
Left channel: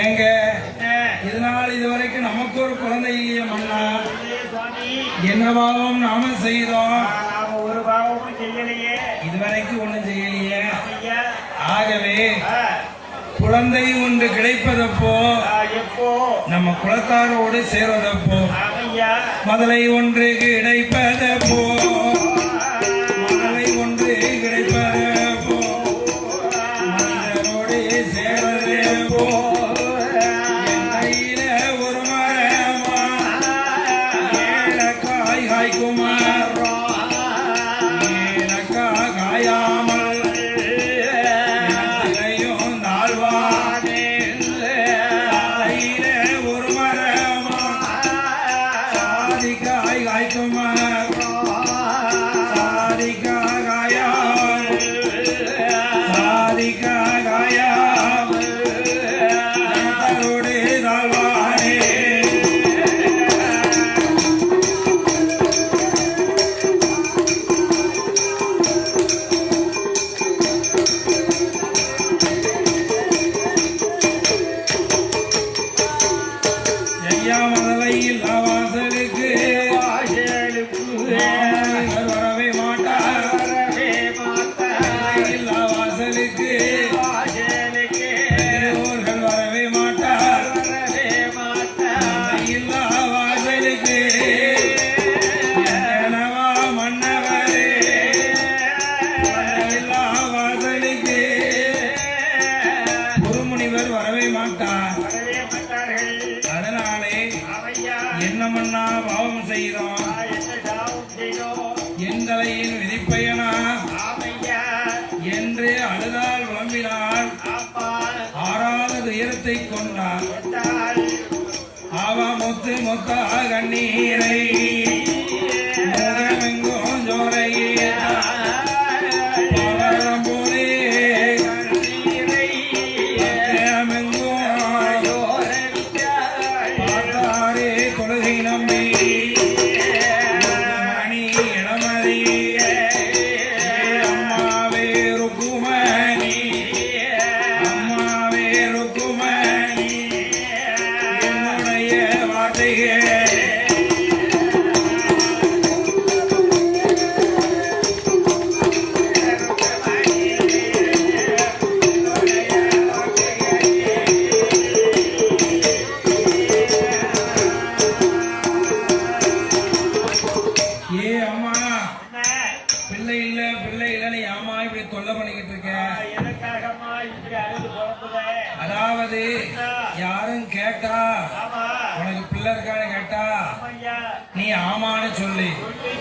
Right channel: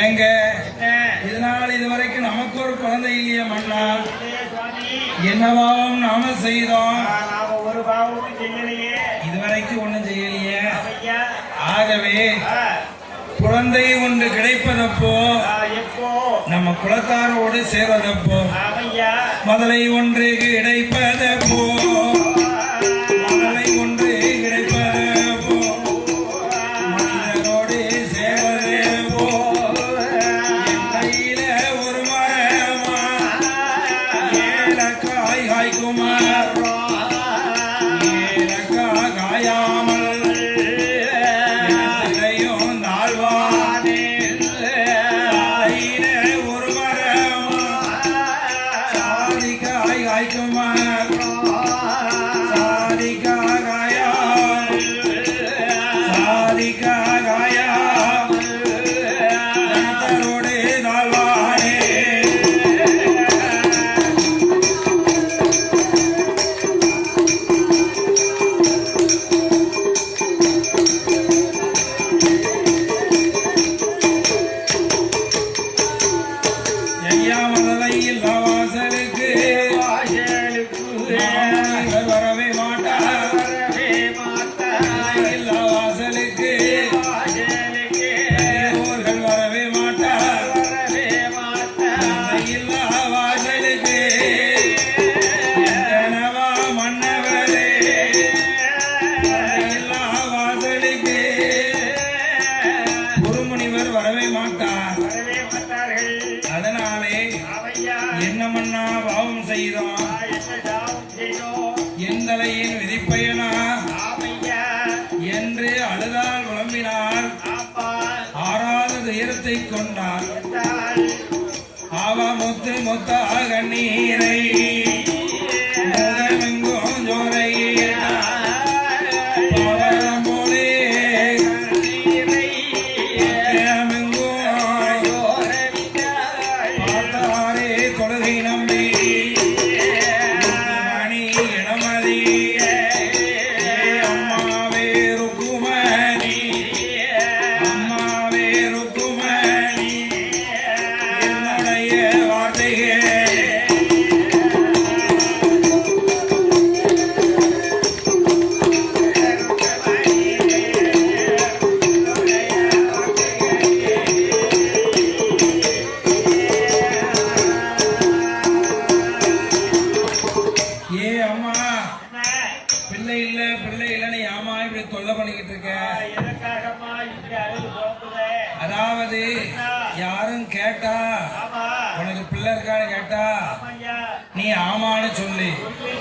ஏங்க என்ன இதனால் இதுவரைக்கும் நமக்கு ஒரு குழந்தை இல்லையே மன்னா இல்லையே சுவாமி என்ன பாவம் நாம செய்தோம் நாம ஒரு பாவமும் செய்யலையே இதுவரைக்கும் ஒண்ணும் செய்யலையே ஆமையா ஆகவே ஆ, குழந்தை ஒன்று கிடைப்பதப்போ எப்போ நம்ம குலத்தாரோடு சேர்வதப்போ ஆமையா மதுரை ஒன்று கிடைப்பதப்போ மதுரை ஒன்று கிடைப்பதப்போ மனிதரோடு சேர்வதப்போ என் கையில ஒரு மரமா ஏலக்காய் காய்க்குமார் ஏலக்காய் காயாமல் எனத்திலையும் தாழ்வானேன் கையில ஒரு மரமா சாதிக்காய் காய்க்குமார் சாதிக்காய் காயாமல் சாதிக்காய் காயாமல் எனத்தரோடு தாழ்வானே ஐயா மதலை இல்லா வாசலுக்கு இவர் வரவே மாட்டார் இல்லா வாசலுக்கு பெரியோர்கள் வரவே மாட்டார் இல்லா வாசலுக்கு கனவா மன்னவரே இல்லா வாசலுக்கு குருமுனிவர் வரவே மாட்டார் அதனாலே என்ன மன்னா பாவம் செய்தோம் என் தலையின் விதிப்பயனா என்று அழுதால் விளம்பினாள் ஆறாவது துயரத்தை எடுத்தை கொண்டார் கொண்டாள். அவ முத்து முத்தாக கண்ணீரை முகமெங்கும் ஜோரையே பவளம் போலே முகமெங்கும் பார்த்தாரே தொழுகை நம்பி மணி இளமதி அம்மாவே ருக்குமணி அம்மாவே ருக்குமணி என்னுடைய வார்த்தையே ஏ அம்மா பிள்ளை இல்லைன்னு ஏமா இப்படி தொல்லை பண்ணிக்கிட்டு இருக்க எதற்காகம்மா இப்படி அழுது புறப்படுற? அதாவது யாரும் கேட்டா ஆமா உனக்கு பிள்ளை இருக்கான்னு கேட்டா ஆமாய்யா. நீ ஆமான்னு சொல்லு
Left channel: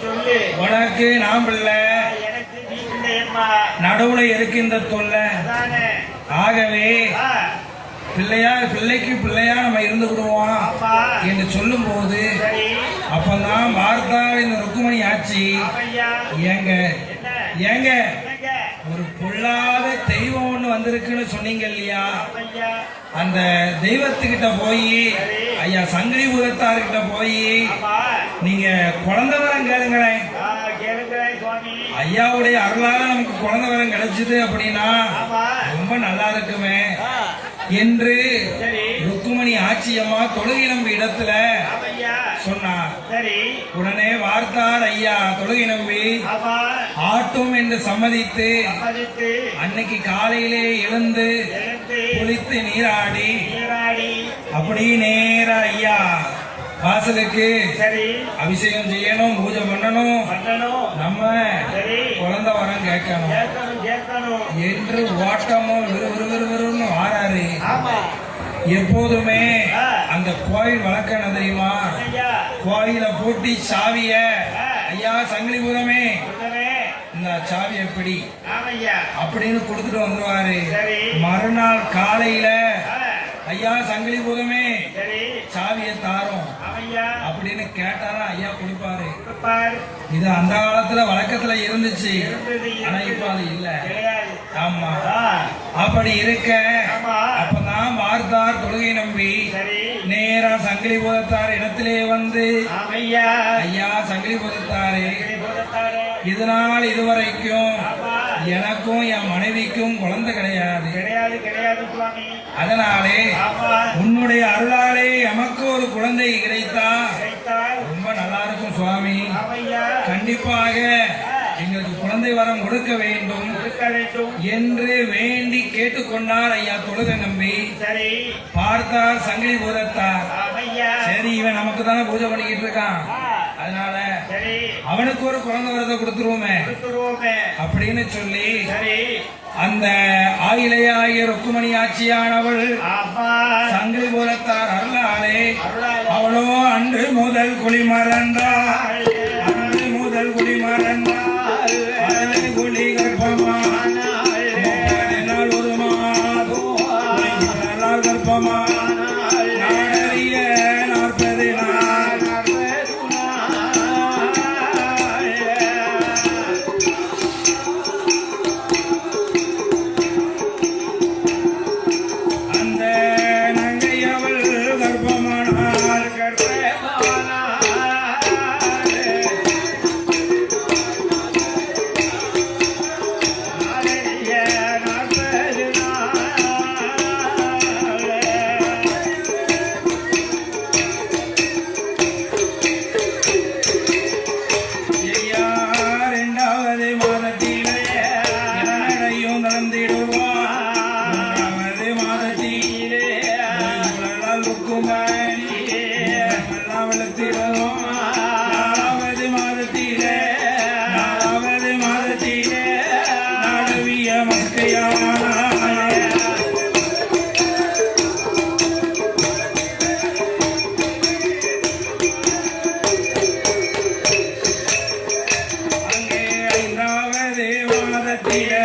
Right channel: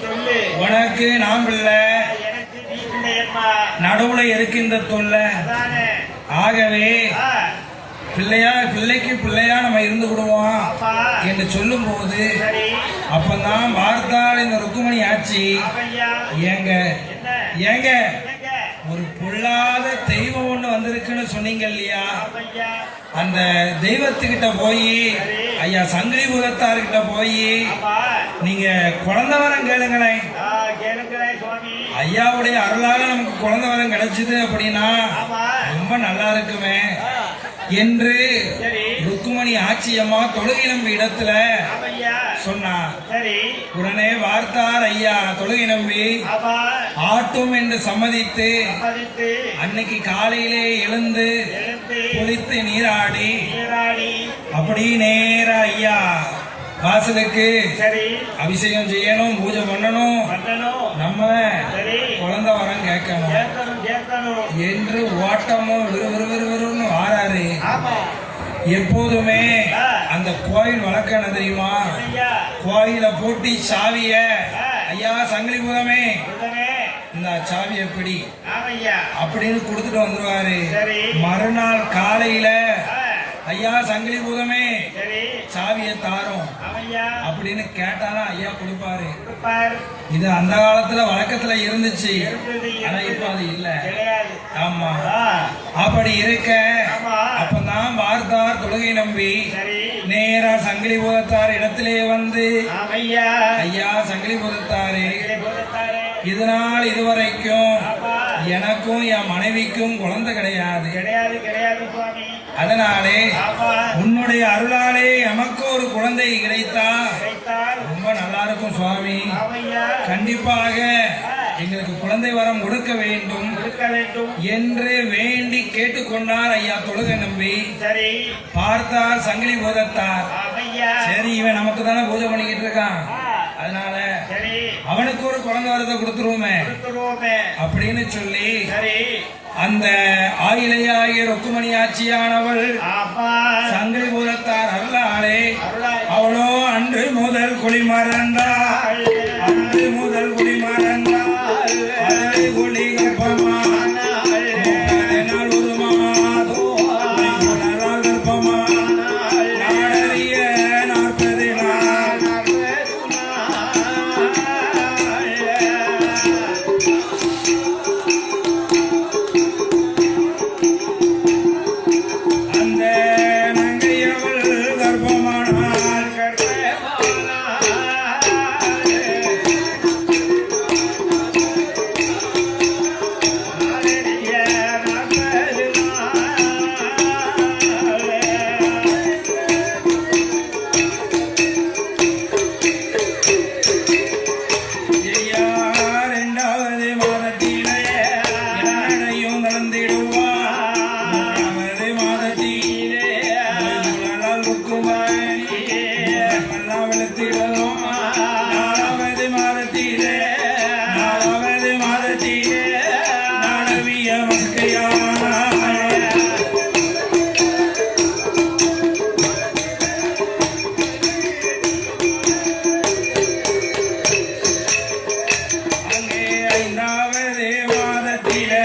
சொல்லு. உனக்கு நான் பிள்ளை எனக்கு நீ பிள்ளையம்மா. நடுவுல இருக்கு இந்த தொல்லை அதானே. ஆகவே ஆ, பிள்ளைக்கு பிள்ளையா நம்ம இருந்து விடுவோம் ஆமா. என்று சொல்லும் போது சரி. அப்பதான் வார்த்தாள் இந்த ருக்குமணி ஆச்சு ஆமையா. ஏங்க என்ன? ஏங்க என்னங்க? ஒரு பொல்லாத தெய்வம் ஒண்ணு வந்திருக்குன்னு சொன்னீங்க இல்லையா ஆமையா. அந்த தெய்வத்துக்கிட்ட போய் ஐயா சங்கிலி பூதத்தார்கிட்ட போய் ஆமா. நீங்க குழந்தை வரம் கேளுங்களேன் ஆ, கேளுங்களேன் சுவாமி. ஐயாவுடைய அருளால நமக்கு குழந்தை வரம் கிடைச்சது அப்படின்னா ஆமா. ரொம்ப நல்லா இருக்குமே ஆ, என்று சரி. ருக்குமணி ஆட்சியம்மா தொழுகை நம்பி இடத்துல ஆமையா. சொன்னார் சரி. உடனே வார்த்தார் ஐயா தொழுகை நம்பி ஆமா. ஆட்டும் என்று சம்மதித்து சம்மதித்து அன்னைக்கு காலையிலே எழுந்து எழுந்து குளித்து நீராடி நீராடி. அப்படி நேரா ஐயா வாசலுக்கு சரி. அபிஷேகம் செய்யணும் பூஜை பண்ணணும் பண்ணணும். நம்ம சரி. குழந்தை வரம் கேட்கணும் கேட்கணும் கேட்கணும். என்று ஓட்டமும் விறுவிறுன்னு ஆறாரு ஆமா. எப்போதுமே அந்த கோயில் வழக்கம் தெரியுமா ஐயா. கோயில பூட்டி சாவிய ஐயா சங்கிலி பூதமே சொல்லுங்க. இந்த சாவி எப்படி ஆமையா. அப்படின்னு கொடுத்துட்டு வந்துருவாரு சரி. மறுநாள் காலையில ஆ, ஐயா சங்கிலி பூதமே சரி. சாவியை தாரோம் ஆமையா. அப்படின்னு கேட்டாதான் ஐயா கொடுப்பாரு கொடுப்பார். இது அந்த காலத்துல வழக்கத்துல இருந்துச்சு இருந்தது, ஆனா இப்ப அது இல்ல கிடையாது. ஆமா ஆ, அப்படி இருக்க ஆமா. அப்பதான் வார்த்தார் தொழுகை நம்பி சரி. நேரா சங்கிலி பூதத்தார் இடத்திலே வந்து ஆமையா. ஐயா சங்கிலி பூதத்தாரே இதை போலத்தாரே. இதனால் இதுவரைக்கும் ஆமா. எனக்கும் என் மனைவிக்கும் குழந்தை கிடையாது கிடையாது கிடையாது சுவாமி. அதனாலே ஆமா. உன்னுடைய அருளாலே எமக்கு ஒரு குழந்தை கிடைத்தா கிடைத்தால் ரொம்ப நல்லா இருக்கும் சுவாமி ஆமையா. கண்டிப்பாக எங்களுக்கு குழந்தை வரம் கொடுக்க வேண்டும் இருக்க வேண்டும். என்று வேண்டி கேட்டுக்கொண்டார் ஐயா தொழுகை நம்பி சரி. பார்த்தார் சங்கிலி பூதத்தார் ஆமையா. சரி இவன் நமக்கு தானே பூஜை பண்ணிக்கிட்டு இருக்கான் ஆ, அதனால சரி. அவனுக்கு ஒரு குழந்தை வரத்தை கொடுத்துருவோமே கொடுத்துருவோமே. அப்படின்னு சொல்லி சரி. அந்த ஆயிலையாகிய ருக்குமணி ஆட்சியானவள் ஆமா. சங்கிலி பூதத்தார் அருளாலே அருளால் அவளோ அன்று முதல் குடிமறந்தாள் அன்று முதல் குடிமறந்தாள் அதை குடி கர்ப்பமான நாள் ஒரு மாதம் கர்ப்பமான நாடறிய 40 நாள் அந்த நங்கையவள் கர்ப்பமானாள் ஐயா 2வது மாதத்திலே என்னையும் நடந்திடுவான் 3வது மாதத்திலே ருக்குமணி எல்லாம் வெளுத்திடுவோம் 4வது மாதத்திலே நாடவிய மஸ்கையான அங்கே 5வது மாதத்திலே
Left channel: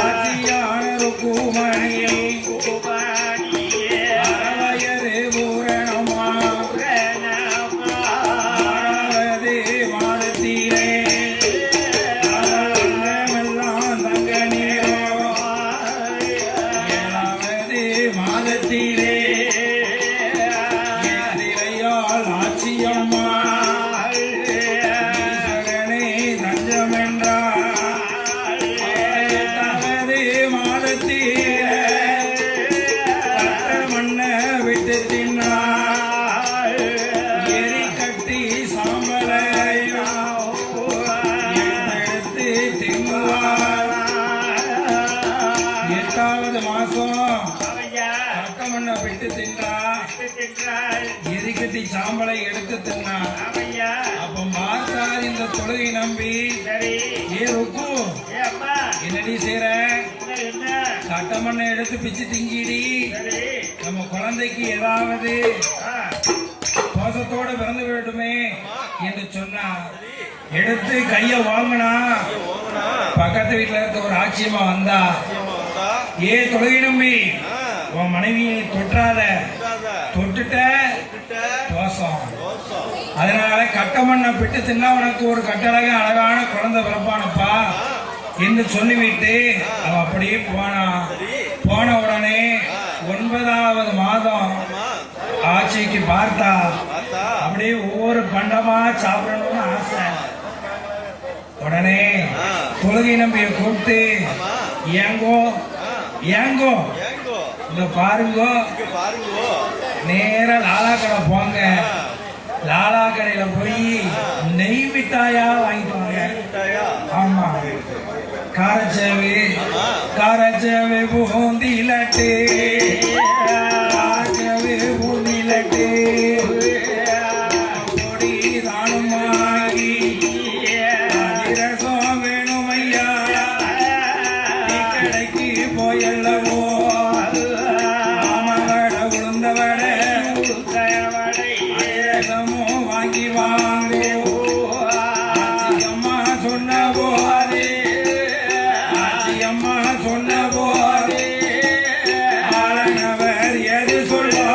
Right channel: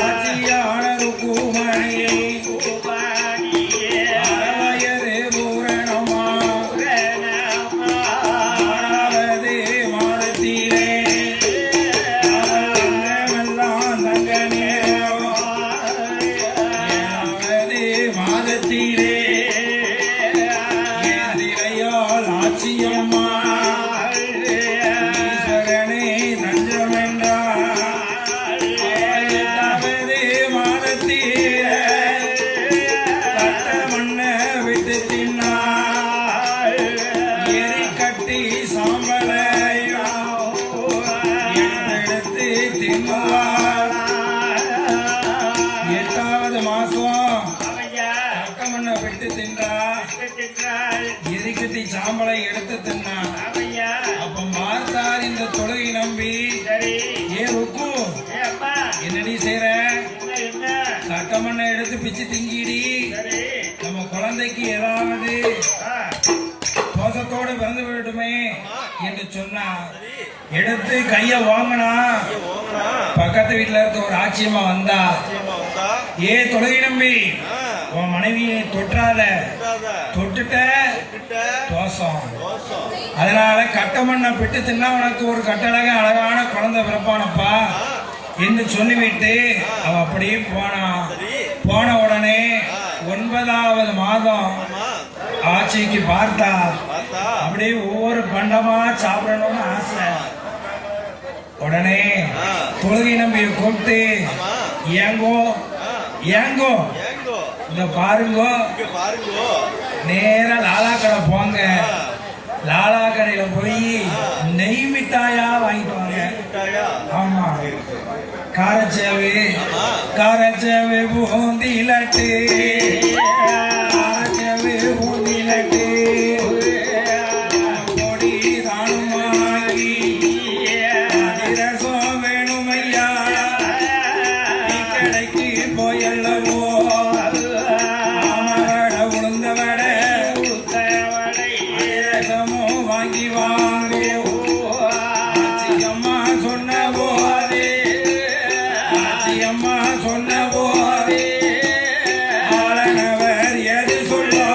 ஆட்சியான ருக்குமணியை மாதத்திலே திரையால் ஆட்சியம்மா ஈஸ்வரனே தஞ்சமென்றார் தவறு மாதத்திலே கட்ட மண்ண விட்டு தின்னார் எரி கட்டி சாம்பலையும் எடுத்து தின்னுவார் 8வது மாசம் கட்டமண்ண விட்டு தின்றா எரிக்கட்டி சாம்பலை எடுத்து தின்னா அப்ப பார்த்தார் இந்த தொழுகை நம்பி ஏ ருக்கு என்னடி செய்ற கட்டமண்ணை எடுத்து பிச்சு திங்கிடி நம்ம குழந்தைக்கு ஏதாவது தோசத்தோட பிறந்து விடட்டுமே என்று சொன்னா எடுத்து கைய வாங்கினா பக்கத்து வீட்டுல இருக்க ஒரு ஆட்சியமா வந்தா ஏ தொழுகை நம்பி உன் மனைவியை தொற்றாத தொட்டுட்ட தோசம் அதனால கட்டமண்ணை பிட்டு தின்னா உனக்கு ஒரு கட்டழக அழகான குழந்தை பிறப்பானப்பா என்று சொல்லிவிட்டு அவ அப்படியே போன உடனே 9வது மாதம் ஆட்சிக்கு பார்த்தா அப்படியே ஒவ்வொரு பண்டமா சாப்பிடணும்னு ஆசை உடனே தொழுகை நம்பிய கூப்பிட்டு ஏங்கோ ஏங்கோ இங்க பாருங்கோ நேரா லாலா கடை போங்க லாலா கடையில போய் நெய் மிட்டாயா வாங்கிட்டு வாங்க ஆமா காரச்சேவு பூந்தி லட்டு காரச்சேவு பூந்தி லட்டு பொடி தானும் வாங்கி அதிரசம் வேணுமையா கடைக்கு போயல்லவோ மாமவட உளுந்தவட அதிரசமும் வாங்கி வாங்கோ அம்மா சொன்ன போதே அம்மா சொன்ன போதே ஆளனவர் எது சொல்லுவார்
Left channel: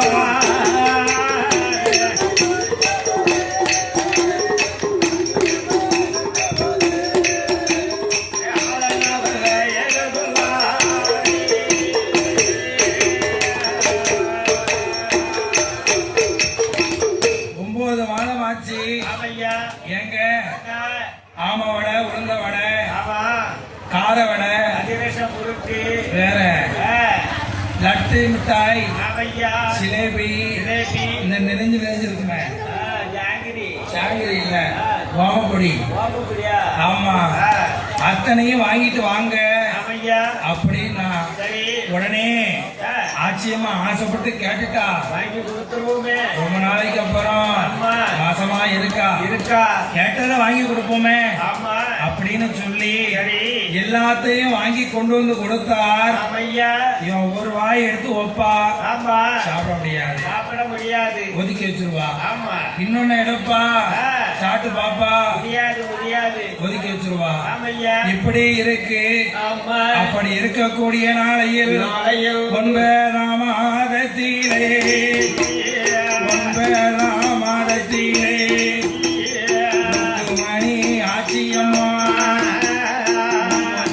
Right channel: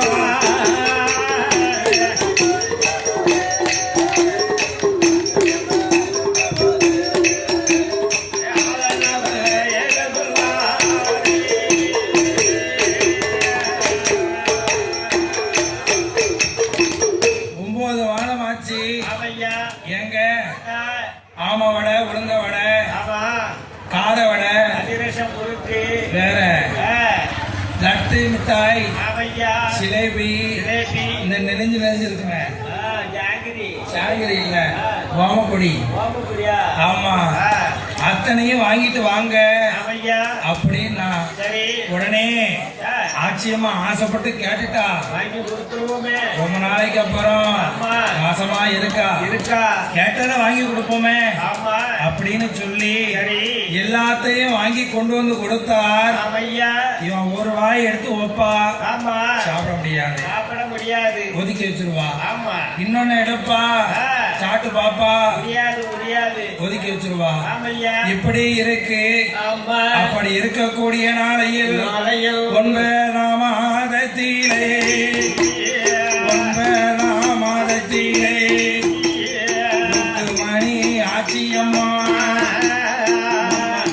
ஏங்க ஆம வடை உளுந்த வடை கார வடை வேற லட்டு மிட்டாய் சிலேபி இந்த நெறிஞ்சிருக்குமே ஜாங்கிரி இல்ல ஓமப்பொடி ஆமா அத்தனையும் வாங்கிட்டு வாங்க அப்படின்னா உடனே ஆச்சரியமா ஆசைப்பட்டு கேட்டுட்டா ரொம்ப நாளைக்கு அப்புறம் மாசமா இருக்கா கேட்டதை வாங்கி கொடுப்போமே அப்படின்னு சொல்லி எல்லாத்தையும் வாங்கி கொண்டு வந்து கொடுத்தார் இவன் ஒரு வாய் எடுத்து வைப்பா சாப்பிட முடியாது ஒதுக்கி வச்சிருவா இன்னொன்னு எடுப்பா சாப்பிட்டு பாப்பா ஒதுக்கி வச்சிருவா இப்படி இருக்கு அப்படி இருக்கக்கூடிய நாளையில் 9ஆம் மாதத்திலே 9ஆம் மாதத்திலே மணி ஆட்சியம்மா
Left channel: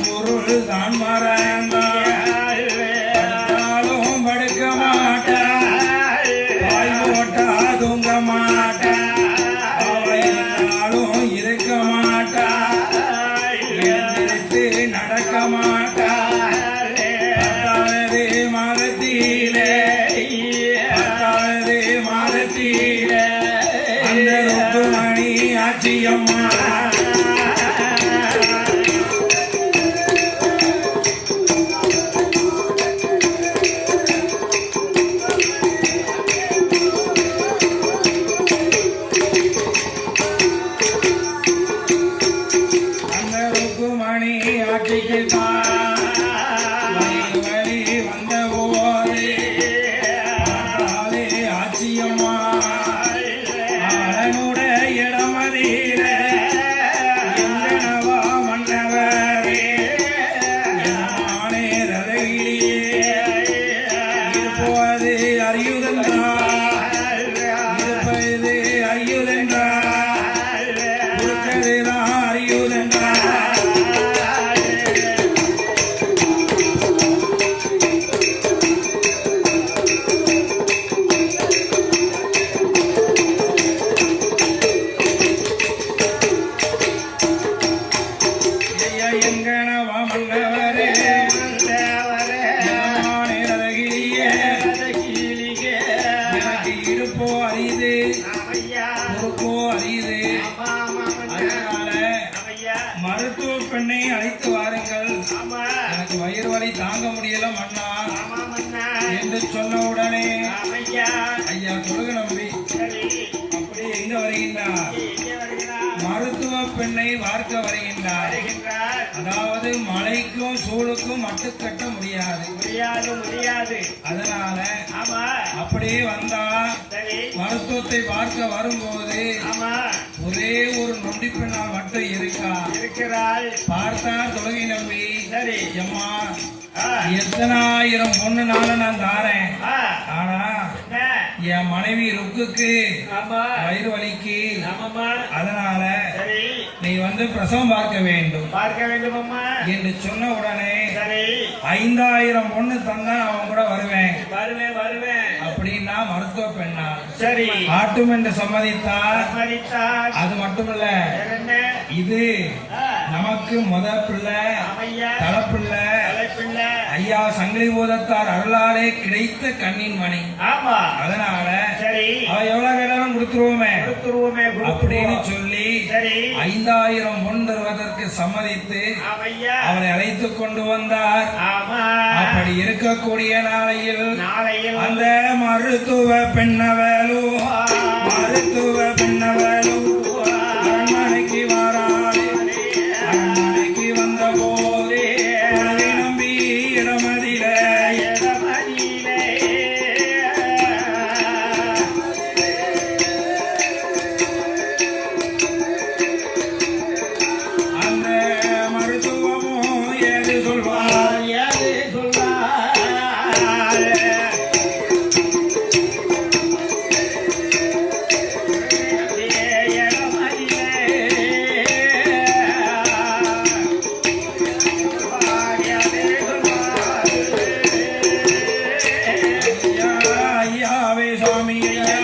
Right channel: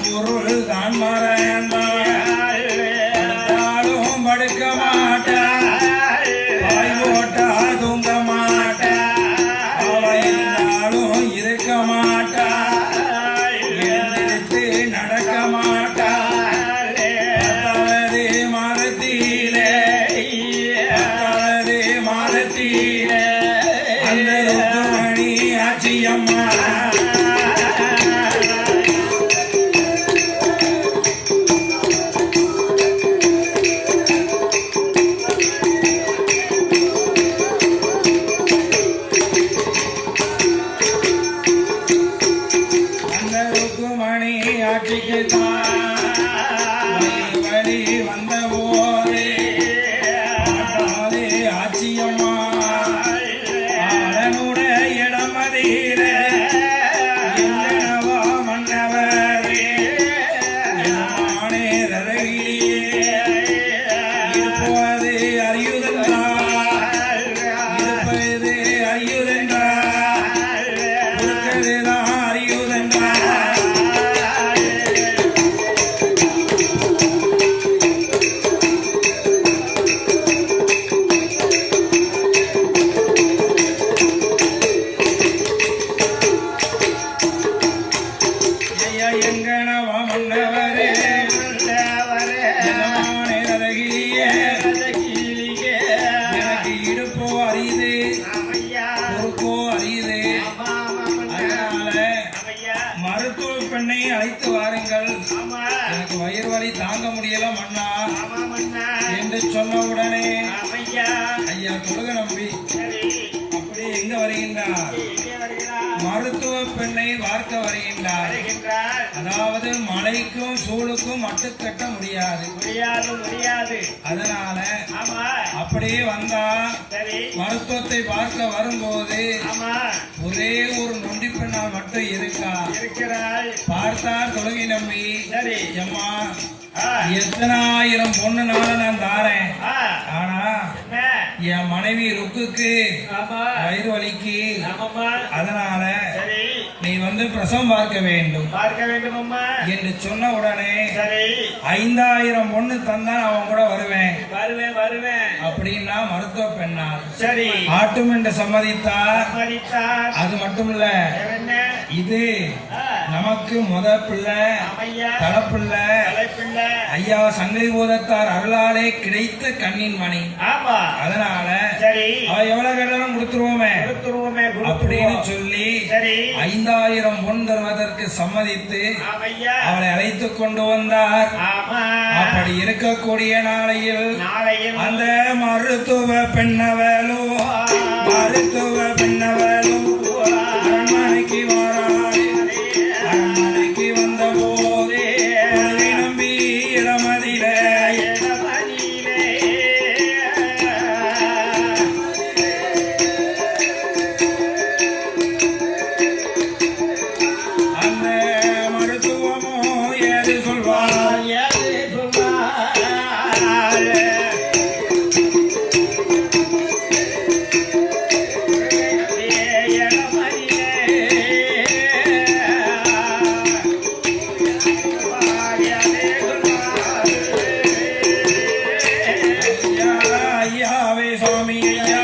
பொருள் தான் மறந்தாலும் படுக்க மாட்டா வாய் போட்டா தூங்க மாட்டா இருந்தாலும் இருக்க மாட்டா எழுந்திருத்து நடக்க மாட்டா 10வது மாதத்திலே 10வது மாதத்திலே அந்த ருக்குமணி ஆட்சியம்மா அந்த ருக்குமணி ஆட்சிக்கு வழி வந்த போதே ஆட்சியம்மா ஆளனுடைய இடமதியில என்னவா மன்னவரே நானே ரதவிலியே இருப்பது அறியுதென்றார் இருப்பது அறியுதென்றார் கொடுக்கதுதான் அறியுதென்றார் என்று சொன்ன உடனே ஆமையா ஐயா தொழுக நம்பி சரி அப்படியே எங்க வருகின்றார்? எங்கே வருகிறார் மருத்துவ பெண்ணை பார்க்க வருகின்றார். வருகின்றார் அதாவது மழைக்கும் சூழுக்கும் மட்டுக்கட்ட முடியாது. முடியாது முடியாது அதனால ஆமா அப்படியே வந்தா சரி மருத்துவத்தை பார்க்க வரும்போது ஆமா ஒரே ஒரு நொண்டி பெண்ணால் மட்டும் இருக்கா. இருக்கிறாள் பார்த்தார் தொழுகை நம்பி சரி எம்மா ஆ, எத்தனாயிரம் பொண்ணுனால நான் தாரேன். ஆ, ஆனா என்ன? என் மனைவி ருக்குக்கு ஆமா வயிறு வலிக்கு. ஆமாம்மா அதனால சரி நீ வந்து பிரசவம் பார்க்க வேண்டும் பார்க்க வேண்டும் அம்மா என்று சொன்ன உடனே சரி 5000 பொண்ணு தந்தா அவன் கூட வருவேன் வருவேன் வருவேன் அப்படின்னா மருத்துவ பெண்ணா சரி ஆட்டும் என்று சம்மதித்தார். சம்மதித்தார் அது மட்டுமில்ல என்ன இது ஆ, நமக்கு முத பிள்ளை ஆமையா தலப்பிள்ளை தலைப்பிள்ளை ஐயா சங்கிலி பூதத்தார் அருளாலே கிடைத்த கண்ணின் மணி. ஆமா அதனால சரி அவ எவ்வளவு கேட்டாலும் கொடுத்துருவோமே கொடுத்துருவோமே அப்படின்னு கொடுத்துருவோம் சொல்லி சரி 5000 பொன் தருவதற்கு சம்மதித்து ஆமையா அவளை அழைத்துக் கொண்டு வந்தார். ஆமா அப்படி இருக்கக்கூடிய நாளையில் நாளையில் அந்த மருத்துவ பெண்ணவளும் மருத்துவ பெண்ணவளும் அரண்மனைக்கு வாராளே. அரண்மனைக்கு வந்த போதே தொழுகை நம்பி இடமதிலே இடமதியிலே அந்த மருத்துவமும் ஏது சொல்வார். யாரு சொல்வார் ஐயா, ஐயாவே சுவாமி ஐயா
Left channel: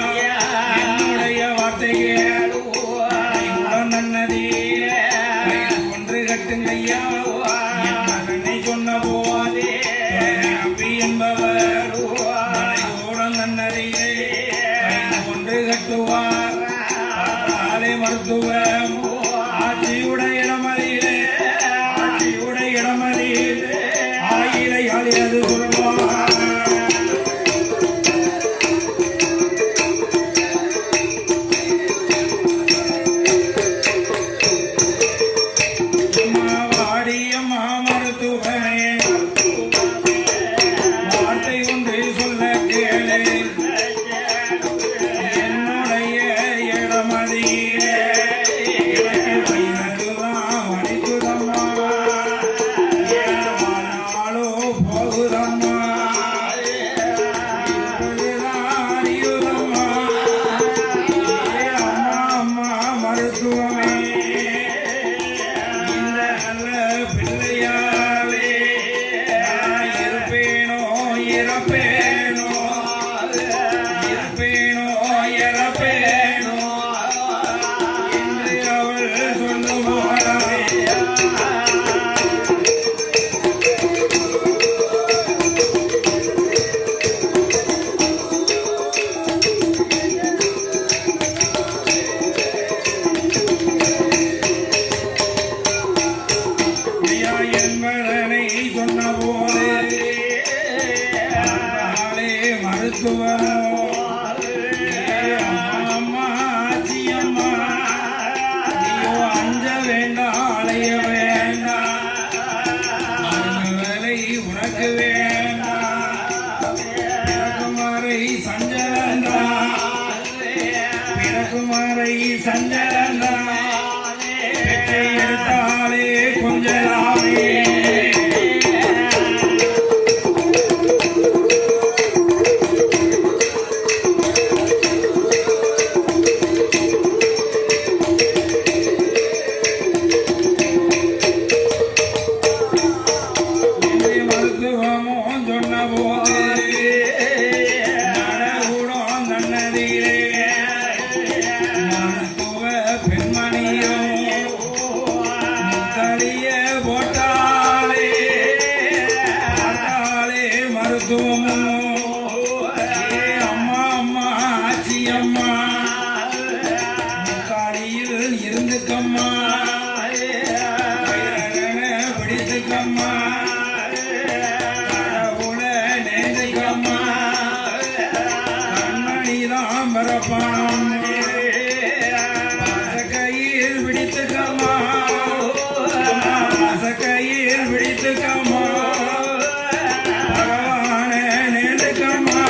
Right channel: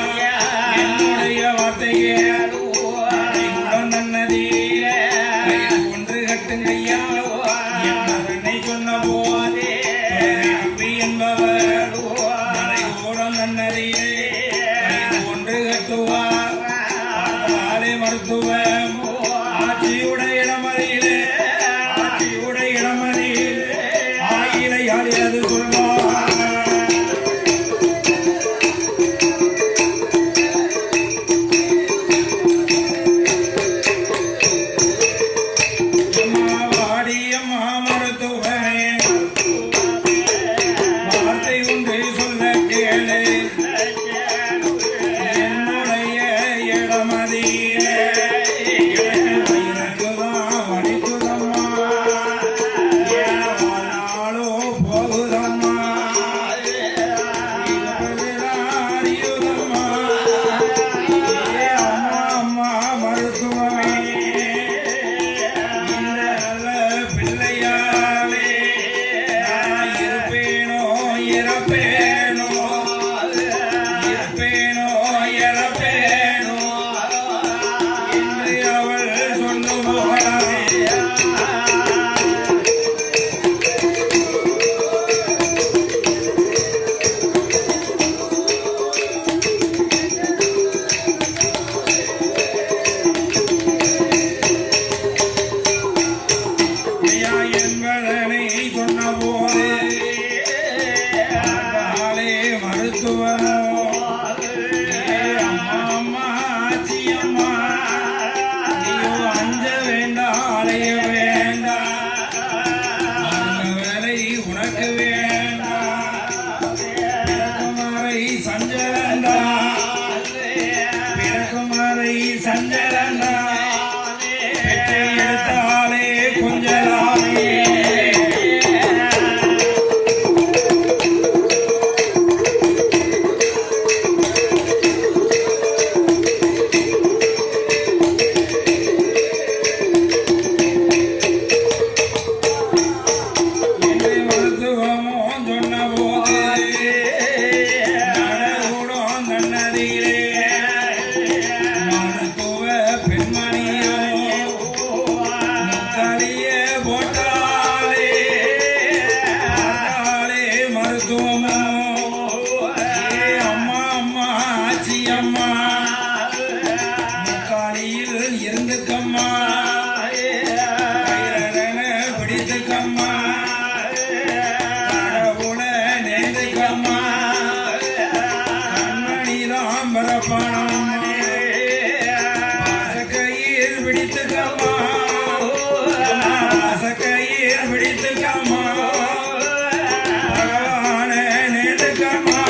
என்னுடைய வார்த்தையே உடன் நன்னதி ஒன்று கட்டுங்க ஐயா. என் மகனை சொன்ன போதே அம்பி என்பவர் உடன் நன்னதியே ஒன்று கட்டுவார். ஆலை மருத்துவம் ஆட்சியுடைய இடமதியிலே ஆட்சியுடைய இடமதியிலே ஆயிரை ஆளியது சொல்வார். வாடிய மாமருத்துவமே வார்த்தை ஒன்று சொல்ல கேளு. என்னுடைய இடமதியிலே எனக்கு வயிறுதான் வலிக்குதம்மா. என் வாழ்நாளோ போகுதம்மா. இருப்பதுதான் அறியுதம்மா. ஏ அம்மா அம்மா மருத்துவமே இந்த நல்ல பிள்ளையாலே நான் இருப்பேனோ இறப்பேனோ இருப்பேனோ இறப்பேனோ என்று அவள் சொல்லுவாளே. ஐயா என்பதனை சொன்ன போது ஆளே மருத்துவமோ அம்மா அம்மா ஆச்சி அம்மா நீயோ அஞ்ச வேண்டாம் அலைய வேண்டாம் வேலை உனக்கு வேண்டாம் பிறக்குமாரை சஞ்சலந்தா பிறக்குமாரை சஞ்சலந்தா பெற்றை எடுத்தாலே கொஞ்சலாமே. என்று மருத்துவமோ சொன்ன போது மரப்பானம்மா கையில் பிடித்துக்கம்மா கையில் பிடித்துக்கம்மா பகவான நேர்ந்துக்கம்மா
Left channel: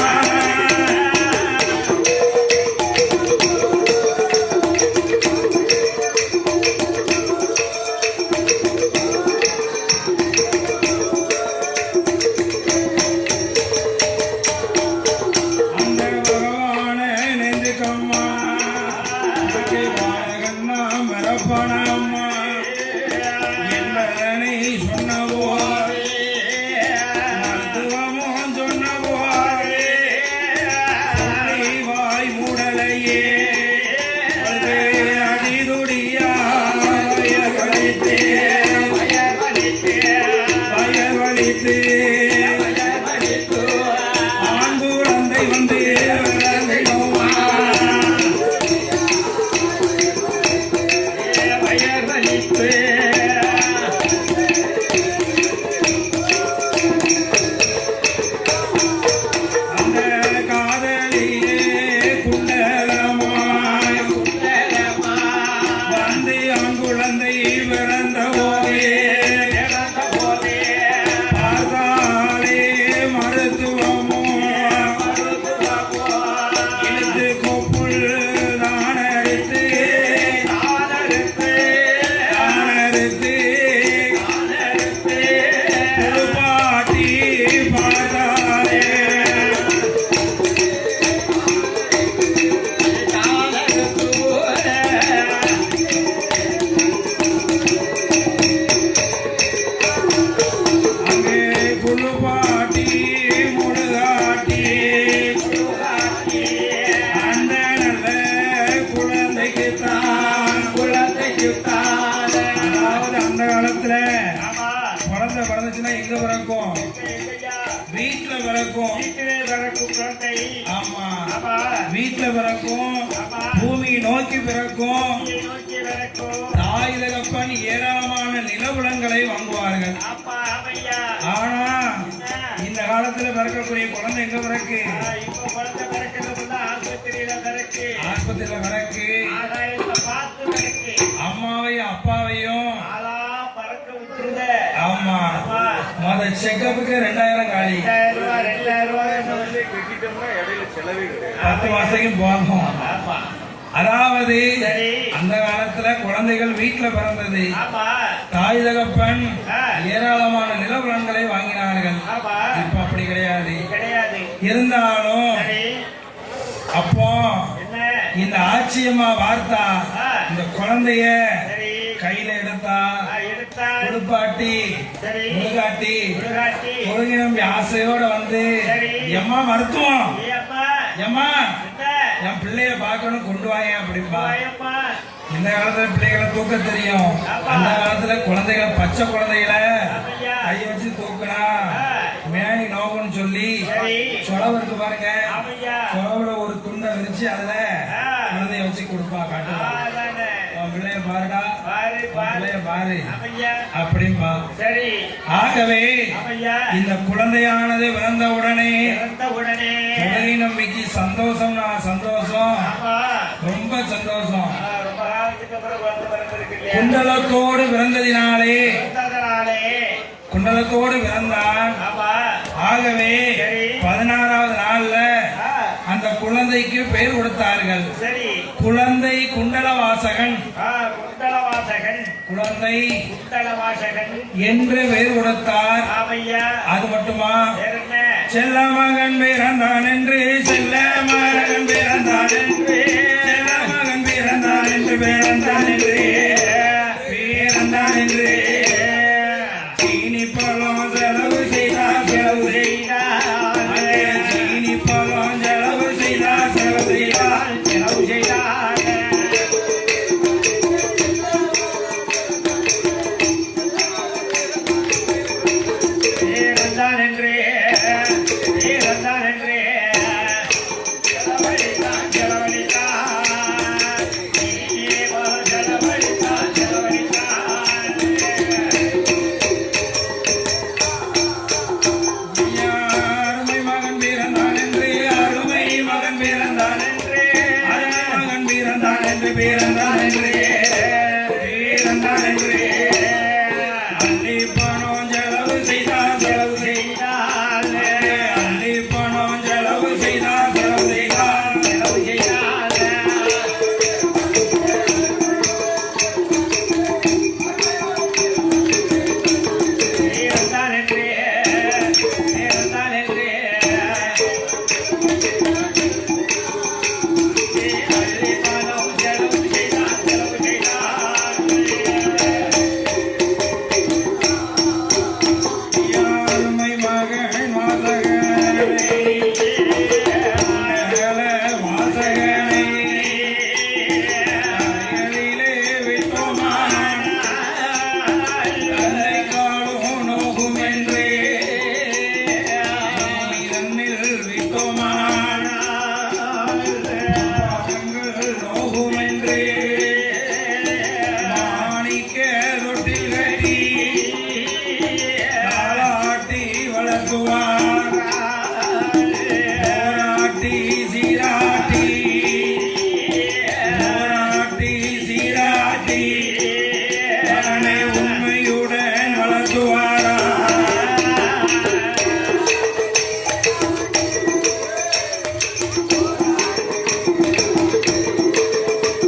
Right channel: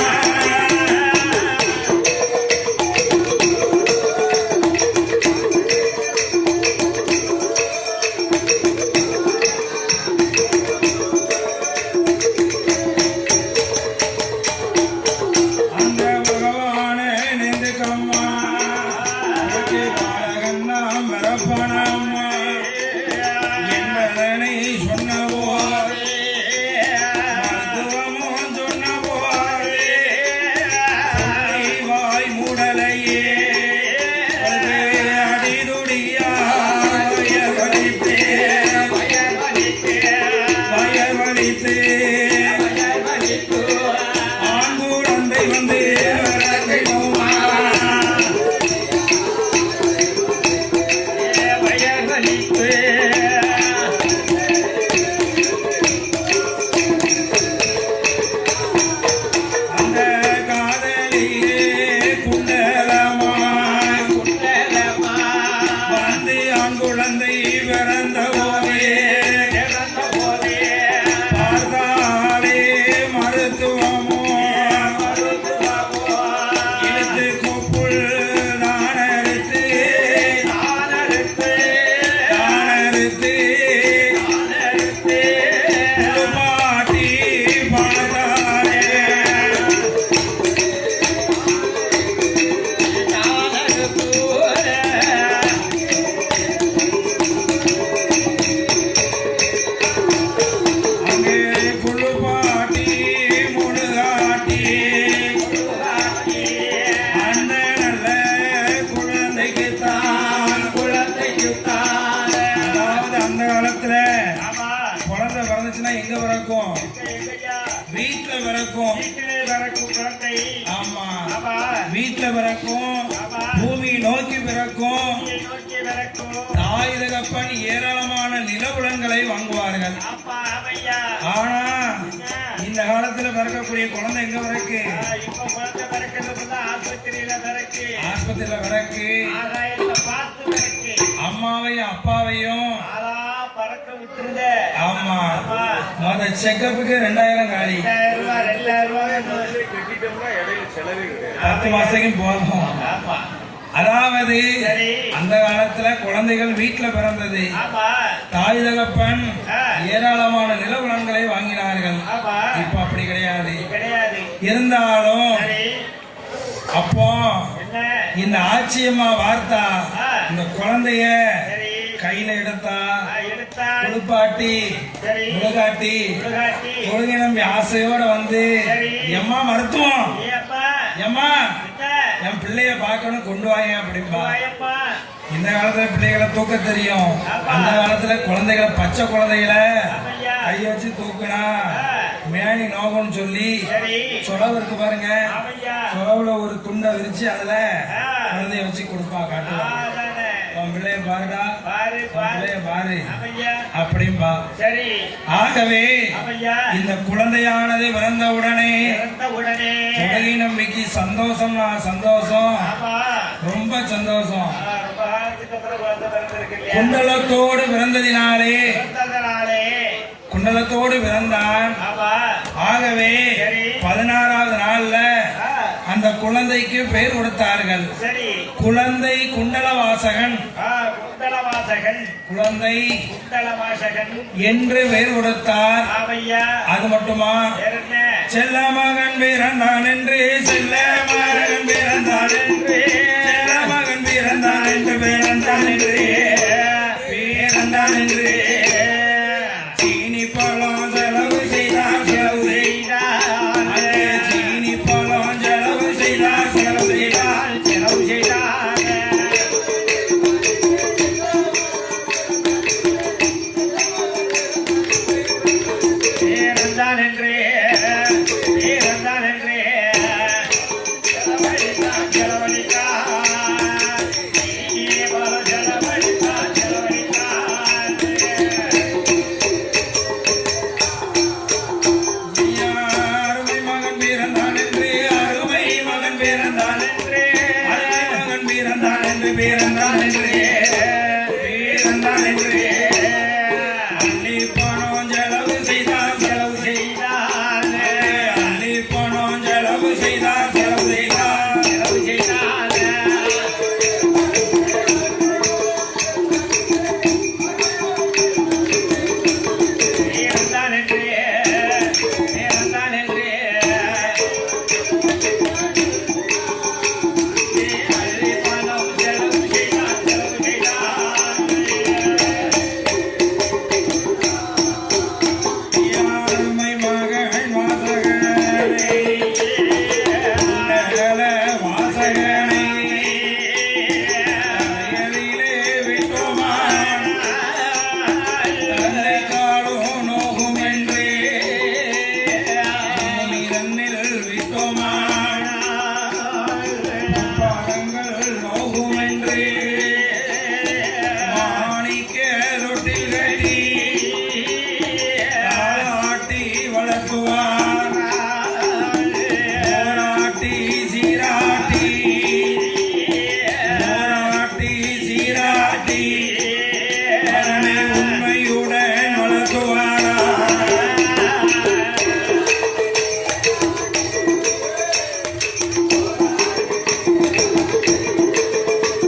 வீட்டுல பிறக்கும் பூமியை நோக்கி பிறக்கும் தாய் தகப்பன் ஏராளமான நிலவுலங்களை வாங்குவார்கள். ஆனா இந்த காலத்துல பிறக்கக்கூடிய குழந்தை எங்க பிறக்கு? ஆஸ்பத்திரியில பிறக்கு. அம்மாவையும் அப்பாவையும் ஆமா மொத செக்கப்புக்கு 2000 காலி. 10 மாசத்துக்கும் போகும். அதாவது அந்த காலத்துல குழந்தைகள் வீட்டுல பிறந்தது. தாய் தகப்பன் ஏராளமான நிலவுலன்களை வாங்கினார்கள். இப்ப அப்படி கிடையாது. இருந்தாலும் அப்போ இந்த ஆட்சியமா வார்த்தா இந்த குழந்தைய கையில எடுத்தா குளிப்பாட்டி முழுகாட்டி ஒழுங்கினம் ஆசையோட வந்து எம்மா மருத்துவம் எம்மா என் பிள்ளைய பார்க்கணும் கொண்டு வாங்க அப்படிம்பா. இந்த காலத்துல பிள்ளைகளை தூக்க தெரியும். அந்த காலத்துல குழந்தைகளை பச்சை குழந்தைகளை கைய வச்சு தூக்குனா மேனி நோகம்னு சொல்லி சொலவு இருக்கு பாருங்க. சொலவுல ஒரு துண்டை விரிச்சு அதுல குழந்தைய வச்சு கொடுப்பா. காட்டுவா பிள்ளைய பாருடா பிள்ளைய பாரு அப்படின்பா. ஆகவே இந்த குழந்தையானது பிறந்த உடனே உடலை நம்பிக்கை சந்தோஷம். நான் சந்தோஷம் ரொம்ப சந்தோஷம். குண்டலத்தோடு பிறந்ததினாலே குண்டலத்தோடு பிறந்தான். ஆகவே 16வது நாள்ல அந்த குழந்தைக்கு பெயர் கொடுத்தார்கள். குழந்தை குண்டலவாசகன் குழந்தை என்று பெயர் கொடுத்தார். அது மட்டுமா? செல்ல மகன் பிறந்தான் என்று செல்ல மகன் பிறந்தான் என்று செல்ல மகன் பிறந்தான் என்று பிறந்தான் என்று பிறந்தான் என்று சீனி பழம் செலவு செய்தார் செலவு செய்தார் சீனி பழம் செலவு செய்தார் செலவு செய்தார் செலவு செய்தார். பேரந்தான் என்று பேரந்தான் என்று அள்ளி பணம் செலவு செய்தார் செலவு செய்தார் அள்ளி பணம் செலவு செய்தார் செலவு செய்தார் செலவு செய்தார் பேரந்தான் என்று பேரந்தான் என்று அள்ளி பணம் செலவு செய்தார் செலவு செய்தார் யாருமை மகள் வாசகனை நகல வாசகனை அயலிலே விட்டோமான் தன்னை காடும் நோகும் என்றே தன்னில் விட்டோமான் பாதங்கள் நோகும் என்றே மாணிக்க தொட்டில் கட்டி தாலாட்டி வளர்த்துவான் போராட்டி சீராட்டி போராட்டி சீராட்டி மகனை உண்மையுடன் வளர்த்துவாரா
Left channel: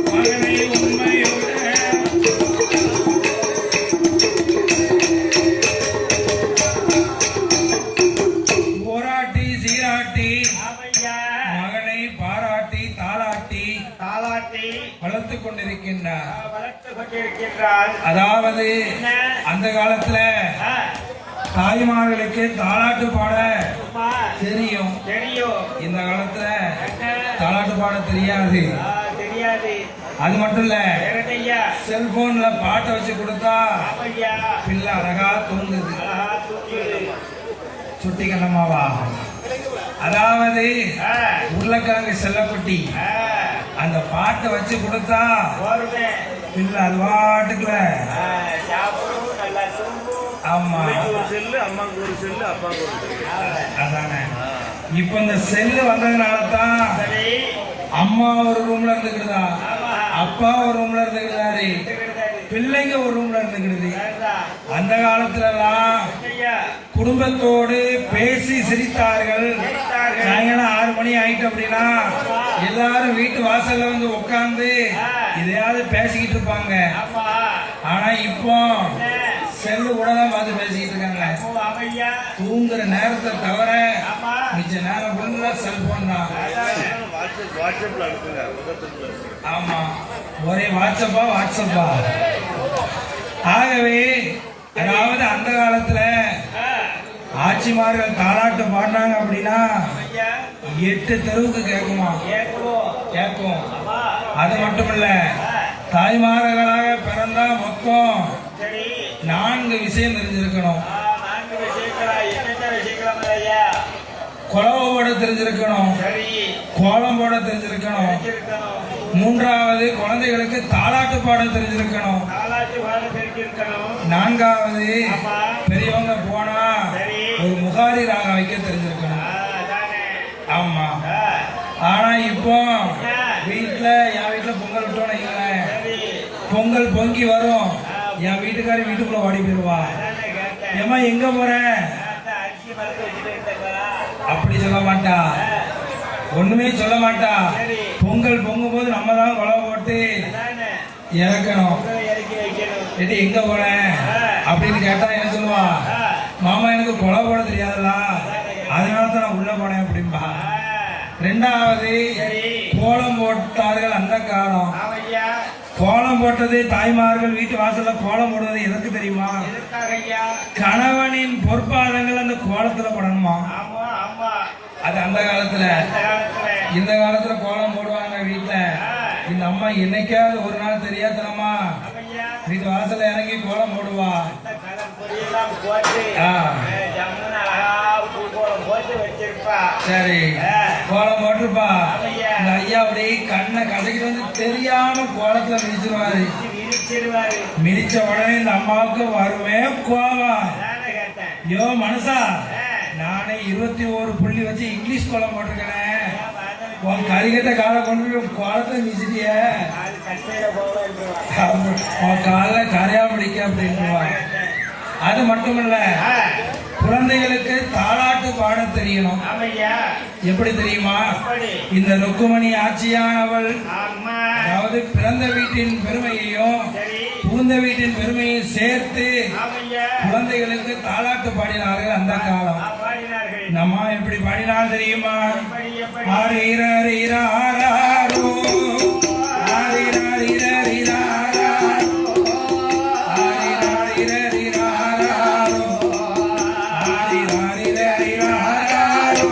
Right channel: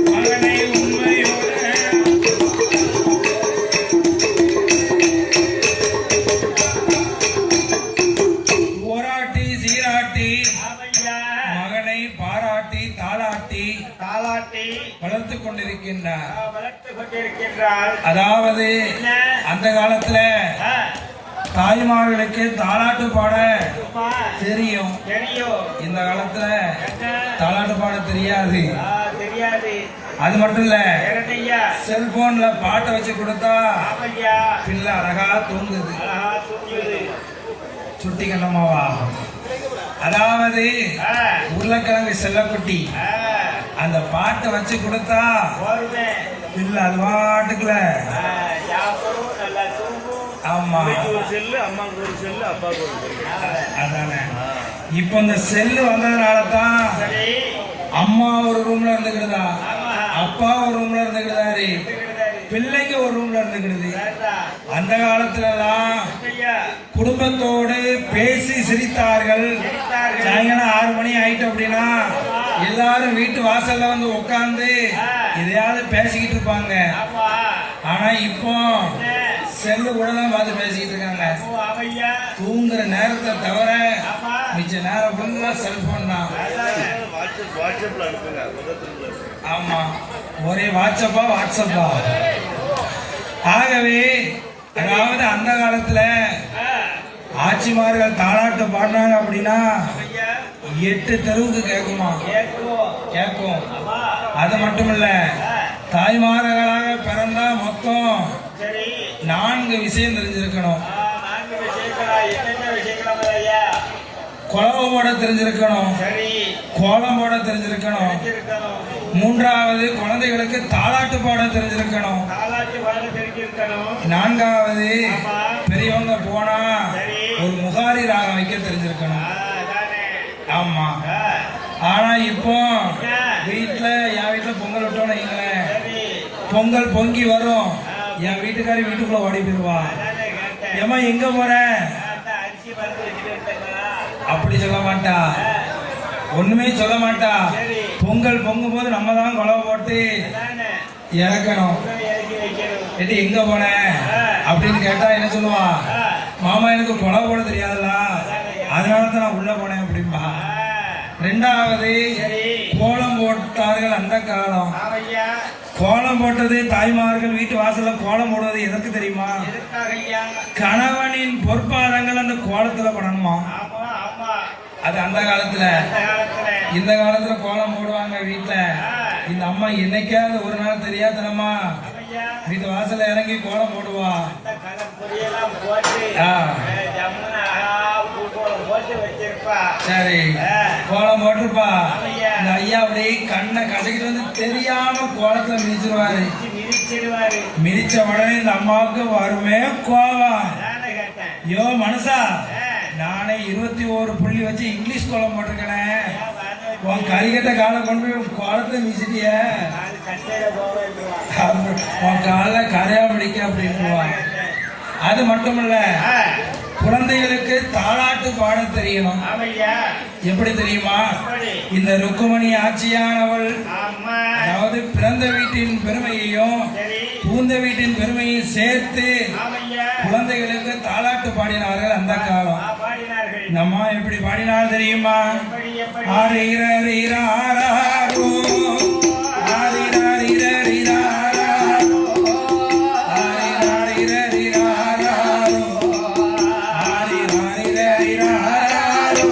மகனை உண்மையுடன் போராட்டி சீராட்டி ஆமையா மகனை பாராட்டி தாளாட்டி தாலாட்டி வளர்த்துக் கொண்டிருக்கின்றார். வளர்த்து கொண்டிருக்கின்றாள் அதாவது அந்த காலத்துல ஆ, தாய்மார்களுக்கு தாலாட்டு பாட சும்மா தெரியும். தெரியும் இந்த காலத்துல என்ன? தாலாட்டு பாட தெரியாது. தெரியாது அது மட்டும் இல்ல, வேறனையா செல்போன்ல பாட்டை வச்சு கொடுத்தா ஆமையா பிள்ளை அழகா தூங்குது. அழகா தூக்கியது சுட்டி கண்ணமாவா. அதாவது உருளைக்கிழங்கு செல்லக்குட்டி அந்த பாட்டை வச்சு கொடுத்தா போருமே பிள்ளை அது பாட்டுக்குல. சாப்பிடும் நல்லா தூங்கும் ஆமா, ஒரு செல்லு அம்மாவுக்கு ஒரு செல்லு அப்பாவுக்கு ஒரு செல்லு அதானே. இப்ப இந்த செல்லு வந்ததுனால தான் சரி அம்மா ஒரு ரூம்ல இருந்துக்கிடுதா, அப்பா ஒரு ரூம்ல இருந்துக்கிடுதாரு, பிள்ளைங்க ஒரு ரூம்ல இருந்துக்கிடுது. அந்த காலத்துல எல்லாம் ஐயா குடும்பத்தோடு பேசி சிரித்தார்கள். சாயங்காலம் 6 மணி ஆயிட்டு அப்படின்னா எல்லாரும் வீட்டு வாசல்ல வந்து உட்கார்ந்து எதையாவது பேசிக்கிட்டு இருப்பாங்க. ஆமா ஆனா இப்போ செல்லு கூட தான் பார்த்து பேசிக்கிட்டு இருக்காங்க. ஆமையா தூங்குற நேரத்தை தவிர ஆமா மிச்ச நேரம் ஃபுல்லா செல்போன் தான். வாட்ஸ்அப்ல அனுப்புங்க பக்கத்துல ஆமா, ஒரே வாட்ஸ்அப்பா. ஆகவே அதாவது அந்த காலத்துல ஆட்சிமார்கள் தாலாட்டு பாடினாங்க அப்படின்னா ஐயா 8 தெருவுக்கு கேட்குமா, கேட்கும் கேட்கும். ஆமா அது மட்டும் இல்ல, தாய்மார்களாக பிறந்தா மொத்தம் சரி 4 விஷயம் தெரிஞ்சிருக்கணும். 4 விஷயங்களா என்னென்ன விஷயங்களா ஐயா குழவை போட தெரிஞ்சிருக்கணும், சரி கோலம் போட தெரிஞ்சிருக்கணும், இருக்கணும் 3வது குழந்தைகளுக்கு தாலாட்டு பாட தெரிஞ்சிருக்கணும், தாலாட்டி வாழ தெரிஞ்சிருக்கணும் 4வது ஆமா பெரியவங்க போனா சரி ஒரு முகாரி ராகம் வைக்க தெரிஞ்சிருக்கணும். அதானே ஆமா. ஆ, ஆனா இப்போ வீட்டுல என் வீட்டுல பொங்கல் விட்டோன்னு வைங்களேன், சரி பொங்கல் பொங்கி வரும், என் வீட்டுக்காரி வீட்டுக்குள்ள ஓடி போயிருவா. அதானே கேட்டேன் ஏமா எங்க போற அரிசி மருந்து வச்சுட்டு இருக்கேன் அப்படி சொல்ல மாட்டா, ஒண்ணுமே சொல்ல மாட்டா. சரி பொங்கல் பொங்கும் போது நம்ம தான் குழவை போட்டு அதானே இறக்கணும். இறக்கி வைக்கணும் எடி எங்க போன அப்படின்னு கேட்டா என்ன சொல்லுவா, மாமா எனக்கு குழவை போட தெரியாதுல்ல, அதனால தான் நான் உள்ள போனேன் அப்படின்பா. 2வது சரி கோலம் போட்டார்கள் அந்த காலம். ஆமையா கோலம் போட்டது தாய்மார்கள் வீட்டு வாசல்ல கோலம் போடுவது எதற்கு தெரியுமா? எதுக்காக ஐயா கணவனின் பொற்பாதங்கள் அந்த கோலத்துல படணுமா. ஆமா ஆமா அது அந்த காலத்துல. அந்த காலத்துல இந்த காலத்துல கோலம் போடுவாங்க வீட்டுல. இந்த அம்மா என்னைக்காவது ஒரு நாள் தெரியாதனமா ஆமையா வீட்டு வாசல்ல இறங்கி கோலம் போடுவா. அந்த கலர் பொரியெல்லாம் போட்டு ஆ. ஜம்முன்னு அழகா பூக்கோளம் போட்டு வச்சிருப்பா சரி, கோலம் போட்டிருப்பா. ஆமையா இந்த ஐயா அப்படியே கண்ணை கசக்கிட்டு வந்து தெரியாம கோலத்துல மிதிச்சிருவாரு. விரிச்சிருவாரு மிதிச்ச உடனே இந்த அம்மாவுக்கு வருமே கோவம். அதானே கேட்டேன் யோ மனுஷா, நானே 21 புள்ளி வச்சு இங்கிலீஷ் கோலம் போட்டிருக்கேன், உன் கறிகட்ட காலை கொண்டு போய் குளத்தை வீசிட்டிய அது கட்டையில போவேன் உன் காலை கரையா பிடிக்க அப்படின்ட்டுவான். அது மட்டும் இல்ல, குழந்தைகளுக்கு தாலாட்டு பாட தெரியும். ஆமையா எப்படி தெரியுமா? அப்படி இந்த ருக்குமணி ஆட்சியானவள் ஆமா அதாவது பிறந்த வீட்டின் பெருமையையும் சரி புகுந்த வீட்டின் பெருமையையும் சேர்த்து ஆமையா குழந்தைகளுக்கு தாலாட்டு பாடினார்கள் அந்த காலம். பாடினார்கள். நம்ம எப்படி பாடினால் தெரியுமா? எப்படி எப்படி ஆரிரரிராரோ, ஆரிரரிரரிராரோ, ஆரிரரிரரிராரோ, ஆரிரரிரரிராரோ.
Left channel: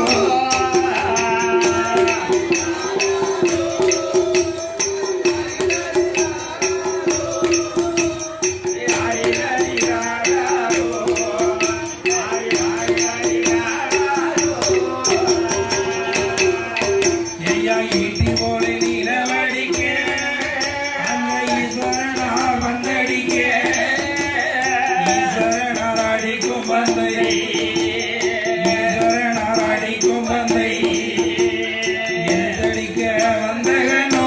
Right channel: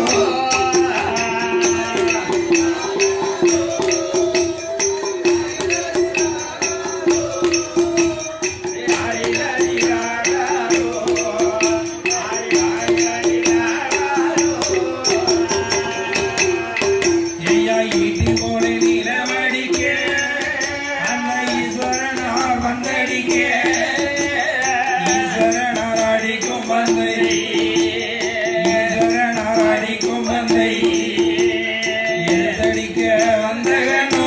ஐயா ஈட்டி போலே நிலவடிக்க, அந்த ஈஸ்வரனார் வந்தடிக்க, ஈஸ்வரனார் அடிக்கும் பந்தை, ஈஸ்வரனார் அடிக்கும் பந்தை, எடுத்தடிக்க வந்த கண்ணோ.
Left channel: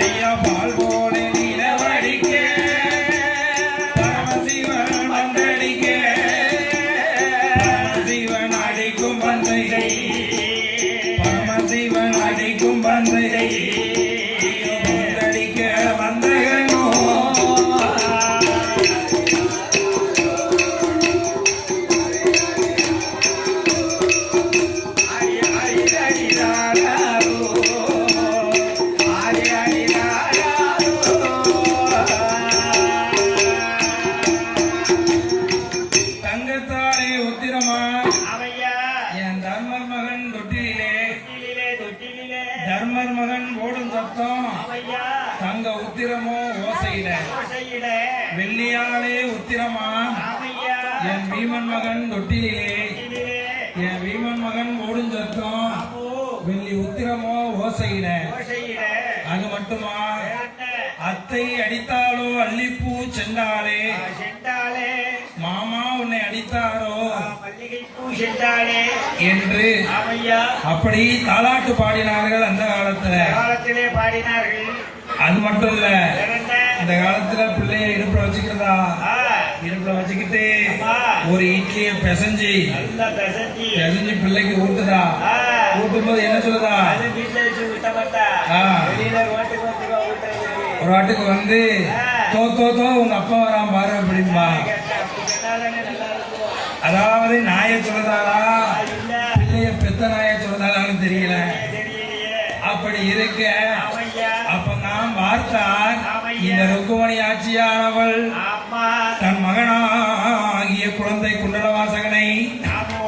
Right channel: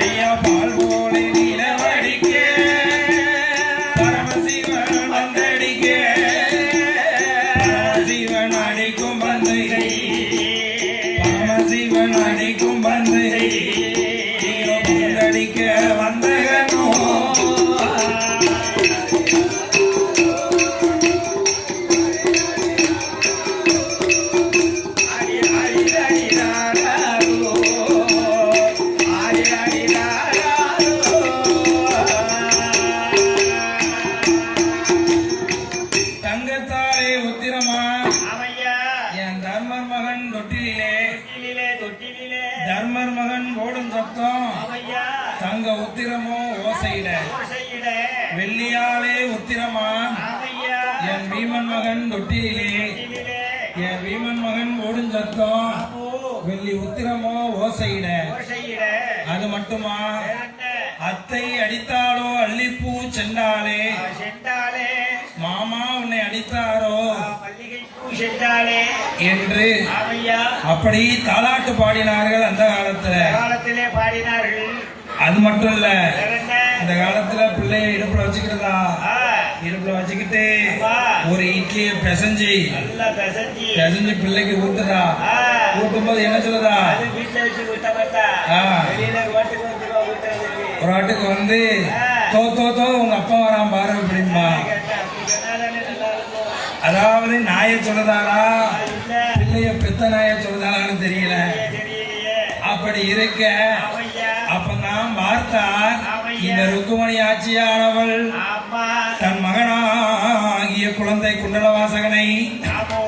ஐயா பால் போலே நிலவடிக்க, பரமசிவன் வந்தடிக்க, பரமசிவன் அடிக்கும் பந்தை, பரமசிவன் அடிக்கும் பந்தை, ஐயோ பந்தடிக்க வந்த கண்ணோ. தங்கத்தாலே உத்திரமா என் தர்மர் மகன் தொட்டிலே, தர்மர் மகன் ஓடும் சத்தம், தங்க உத்திரமோ ஓசையில, வெள்ளியாலே உத்திரமா என் வீமன் மகன் தொட்டிலே, என் வீமன் மகன் ஓடும் சத்தம், வெள்ளி உத்திரமோ ஓசையில. அது மட்டுமா? அத்தை அடித்தாளோ அல்லிப்பூ சென்றாலே, மாமா உன்னை அடித்தாரோ என்று அப்படி தாலாட்டு பாடினார்கள் அந்த காலத்துல. காலத்திலே பாடினார்கள். அது மட்டும் இல்ல, அந்த காலத்துல பிள்ளைய இடுப்புல வச்சுக்கிறதா, இடுப்புல வச்சுக்கிட்டு ஒரு இட்லியை பிசைஞ்சு நல்லா பிசைஞ்சு பிசைஞ்சு பிள்ளைக்கு ஊட்டுதா. ஊட்டும் போது என்ன சொல்லுதா? அது வீட்டுல வச்சு ஊட்ட மாட்டா. ஆ. வெளியில ரோட்டுக்கு வந்துருவா ஊட்டுறதுக்கு. ஒரு வாட்டுக்கு வந்து தோ தோ தோ உங்க அப்பா வரான் பாரு அப்படின்பா. கேட்டா, அப்படி சொன்னாதானே நல்லா இருக்கும். அதாவது நாயை சொல்லுதாளா, இல்ல பிள்ளைய பெத்த நாயை சொல்லுதாளான்னு தெரியல. தெரியலையே. அப்படி இருக்க ஆமையா அப்ப நான் பார்த்தார் இந்த ருக்குமணி ஆட்சியானவள் ஆமா தன் மகனாகிய குழந்தை குண்டலவாசகனை ஆமோ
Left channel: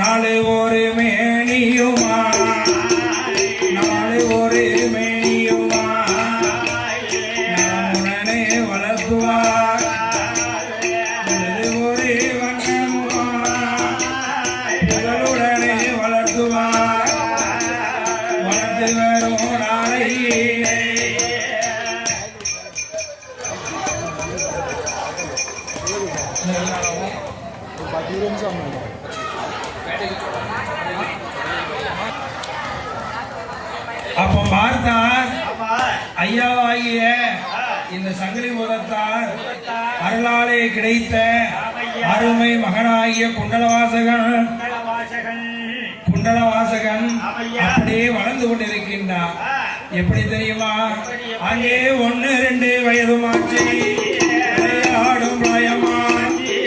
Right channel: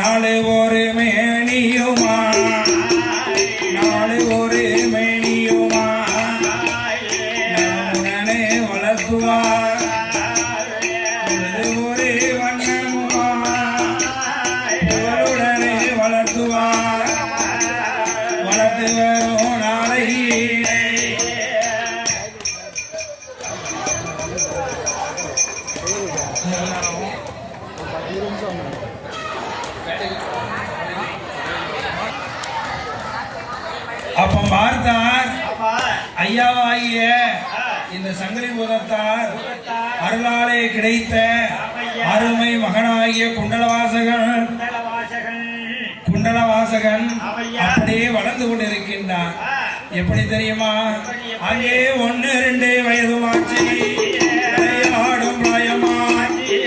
நாலு ஒரு மேனியுமா, நாலு ஒரு மேனியுமா உடனே வளர்த்துவார், ஒரு வண்ணமுமா உடனே வளர்த்துவார், வளர்த்து வரும் நாளையிலே. அப்ப பார்த்தார் ஆமா ஐயாவாகிய இந்த சங்கிலி முதத்தார் அருளாலே கிடைத்த அருமை மகனாகிய குண்டலவாசகன் வாசகன் குண்டலவாசகன் அப்படியே வளர்ந்து கொண்டிருக்கின்றார். எப்படி தெரியுமா? அங்கே 1-2 வயதுமாச்சு, விளையாடும் பிரயமாச்சு,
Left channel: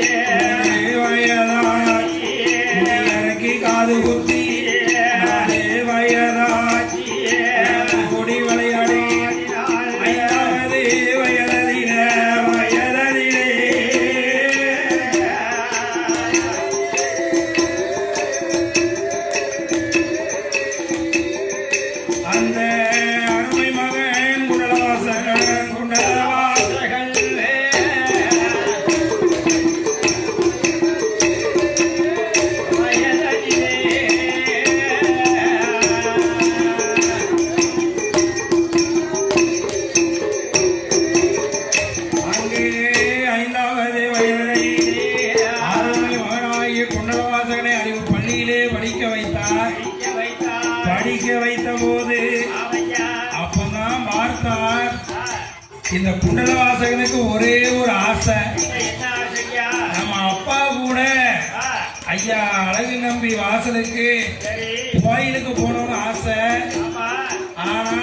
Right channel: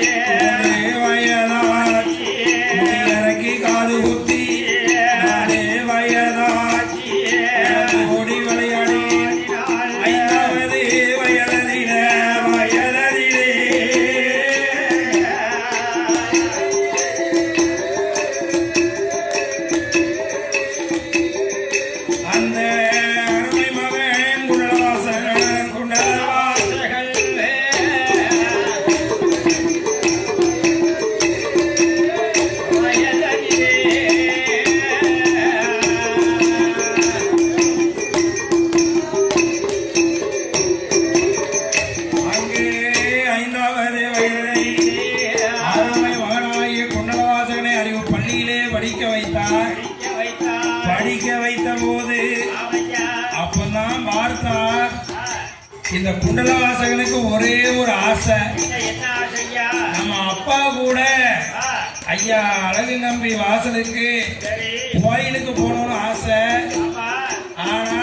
1 வயதாச்சு, இறக்கி காது குத்தி 4 வயதாச்சு, ஓடி விளையாடி 5வது வயதிலே அந்த அருமை மகன் குண்டலவாசகன் குண்டலவாசகன் படிக்க வைத்த போது ஆமையா அப்பதான் பார்த்தார் இந்த குண்டலவாசகனுக்கு ஒரே ஒரு ஆசை. என்ன ஆசையா நம்ம அப்பா கூட ஐயா அழகு நம்பி வாசலுக்கு சரி கோயிலுக்கு போகணும்னு ஆசை. ஆமா ஆனா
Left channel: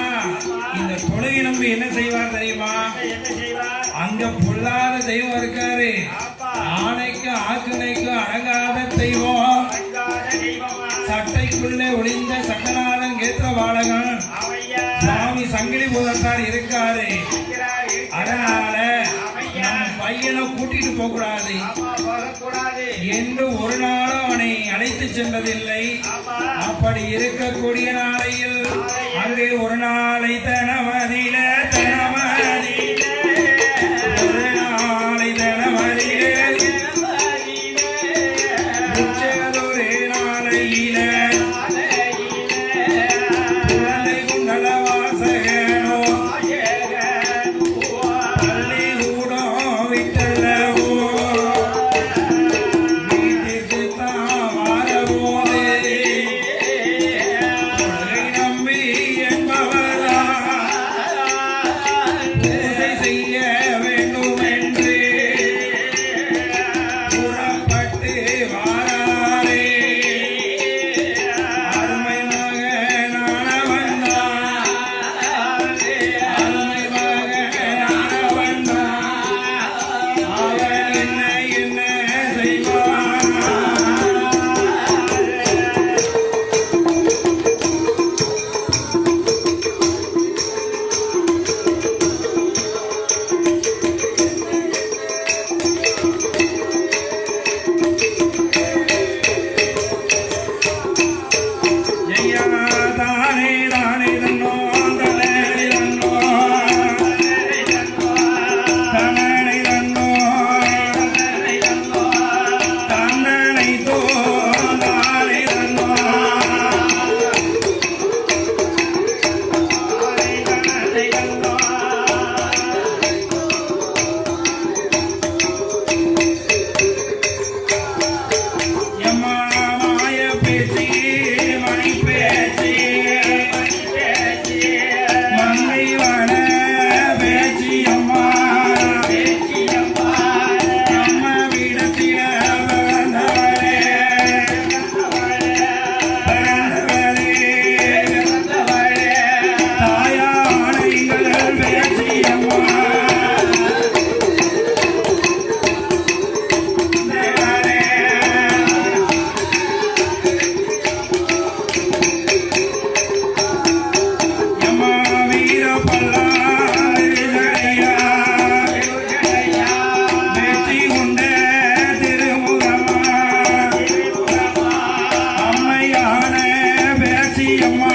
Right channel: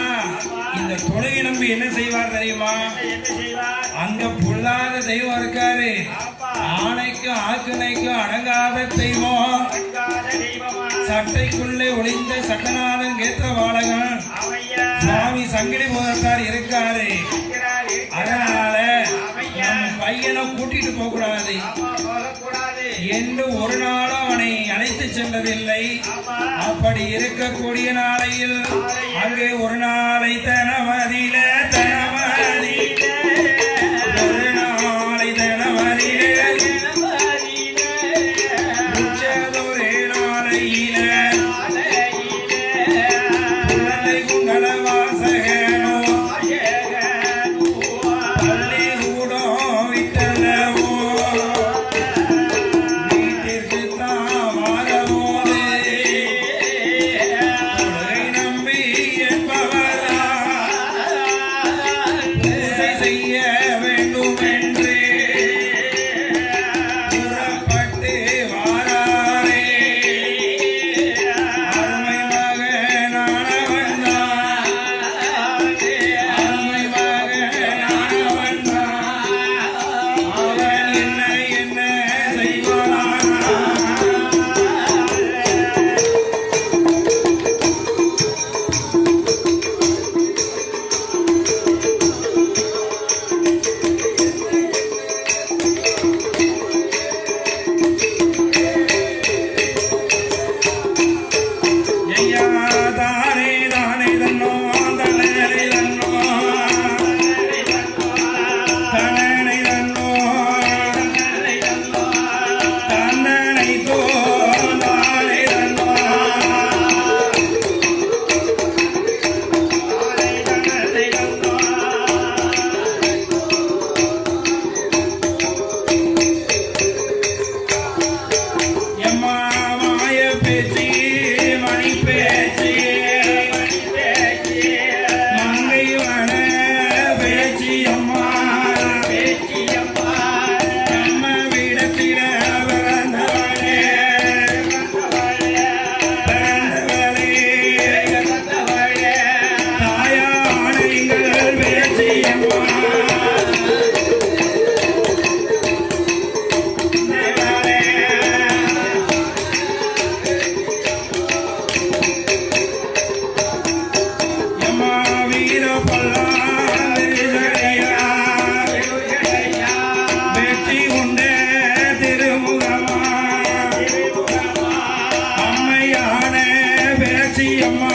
இந்த தொழுகை நம்பி என்ன செய்வார் தெரியுமா? என்ன செய்வார் அங்க பொல்லாத தெய்வம் இருக்காரு. ஆமா ஆணைக்கும் ஆக்கினைக்கும் அடங்காத தெய்வம். அங்காத தெய்வமா சட்டைக்குள்ளே ஒளிந்த சட்டநாதன் கேத்திர பாலகன் ஆமையா சுவாமி சங்கிலி போகிறார் இருக்காரு. இருக்கிறார் இருக்கிறார் அதனால நம் பையனை கூட்டிட்டு போக கூடாது ஆமா போகக்கூடாது என்று ஒரு நாளும் அவனை அழைத்து சென்றதில்லை. ஆமா அப்படி இருக்கக்கூடிய நாளையில் அங்கே ஒரு நாளை தனமதியில ஒரு நாளை தனமதியில உச்சதொரு நாளையில குழந்தை குண்டல வாசகனோ பள்ளி கூடம் விட்டலவோ வீட்டிற்கு தான் வரபோது தொழுகை நம்பி என்பவரா பூஜை செய்ய வேண்டும் என்று புறப்பட்டு வாராரே. அருமை மகனானவன் தான். அருமை மகனானவன் தான். அவன் என்ன என்ன செய்வான்? ஐயா தானே தானே தன்னோ தனே தன்னோ தனனை தன்னோ தன்னனை தோ தானே தன்னோ எம்மா மாய பேச்சு மணி பேச்சு மங்கை வன பேச்சு அம்மா நம்ம விடத்தில வந்தவளே பிறந்தவளே தாயான எங்கள் பேச்சு அம்மா எம்மா வீர பல்லாரியா வெற்றி உண்ட திருமுகமா அம்மையான பேச்சி அம்மா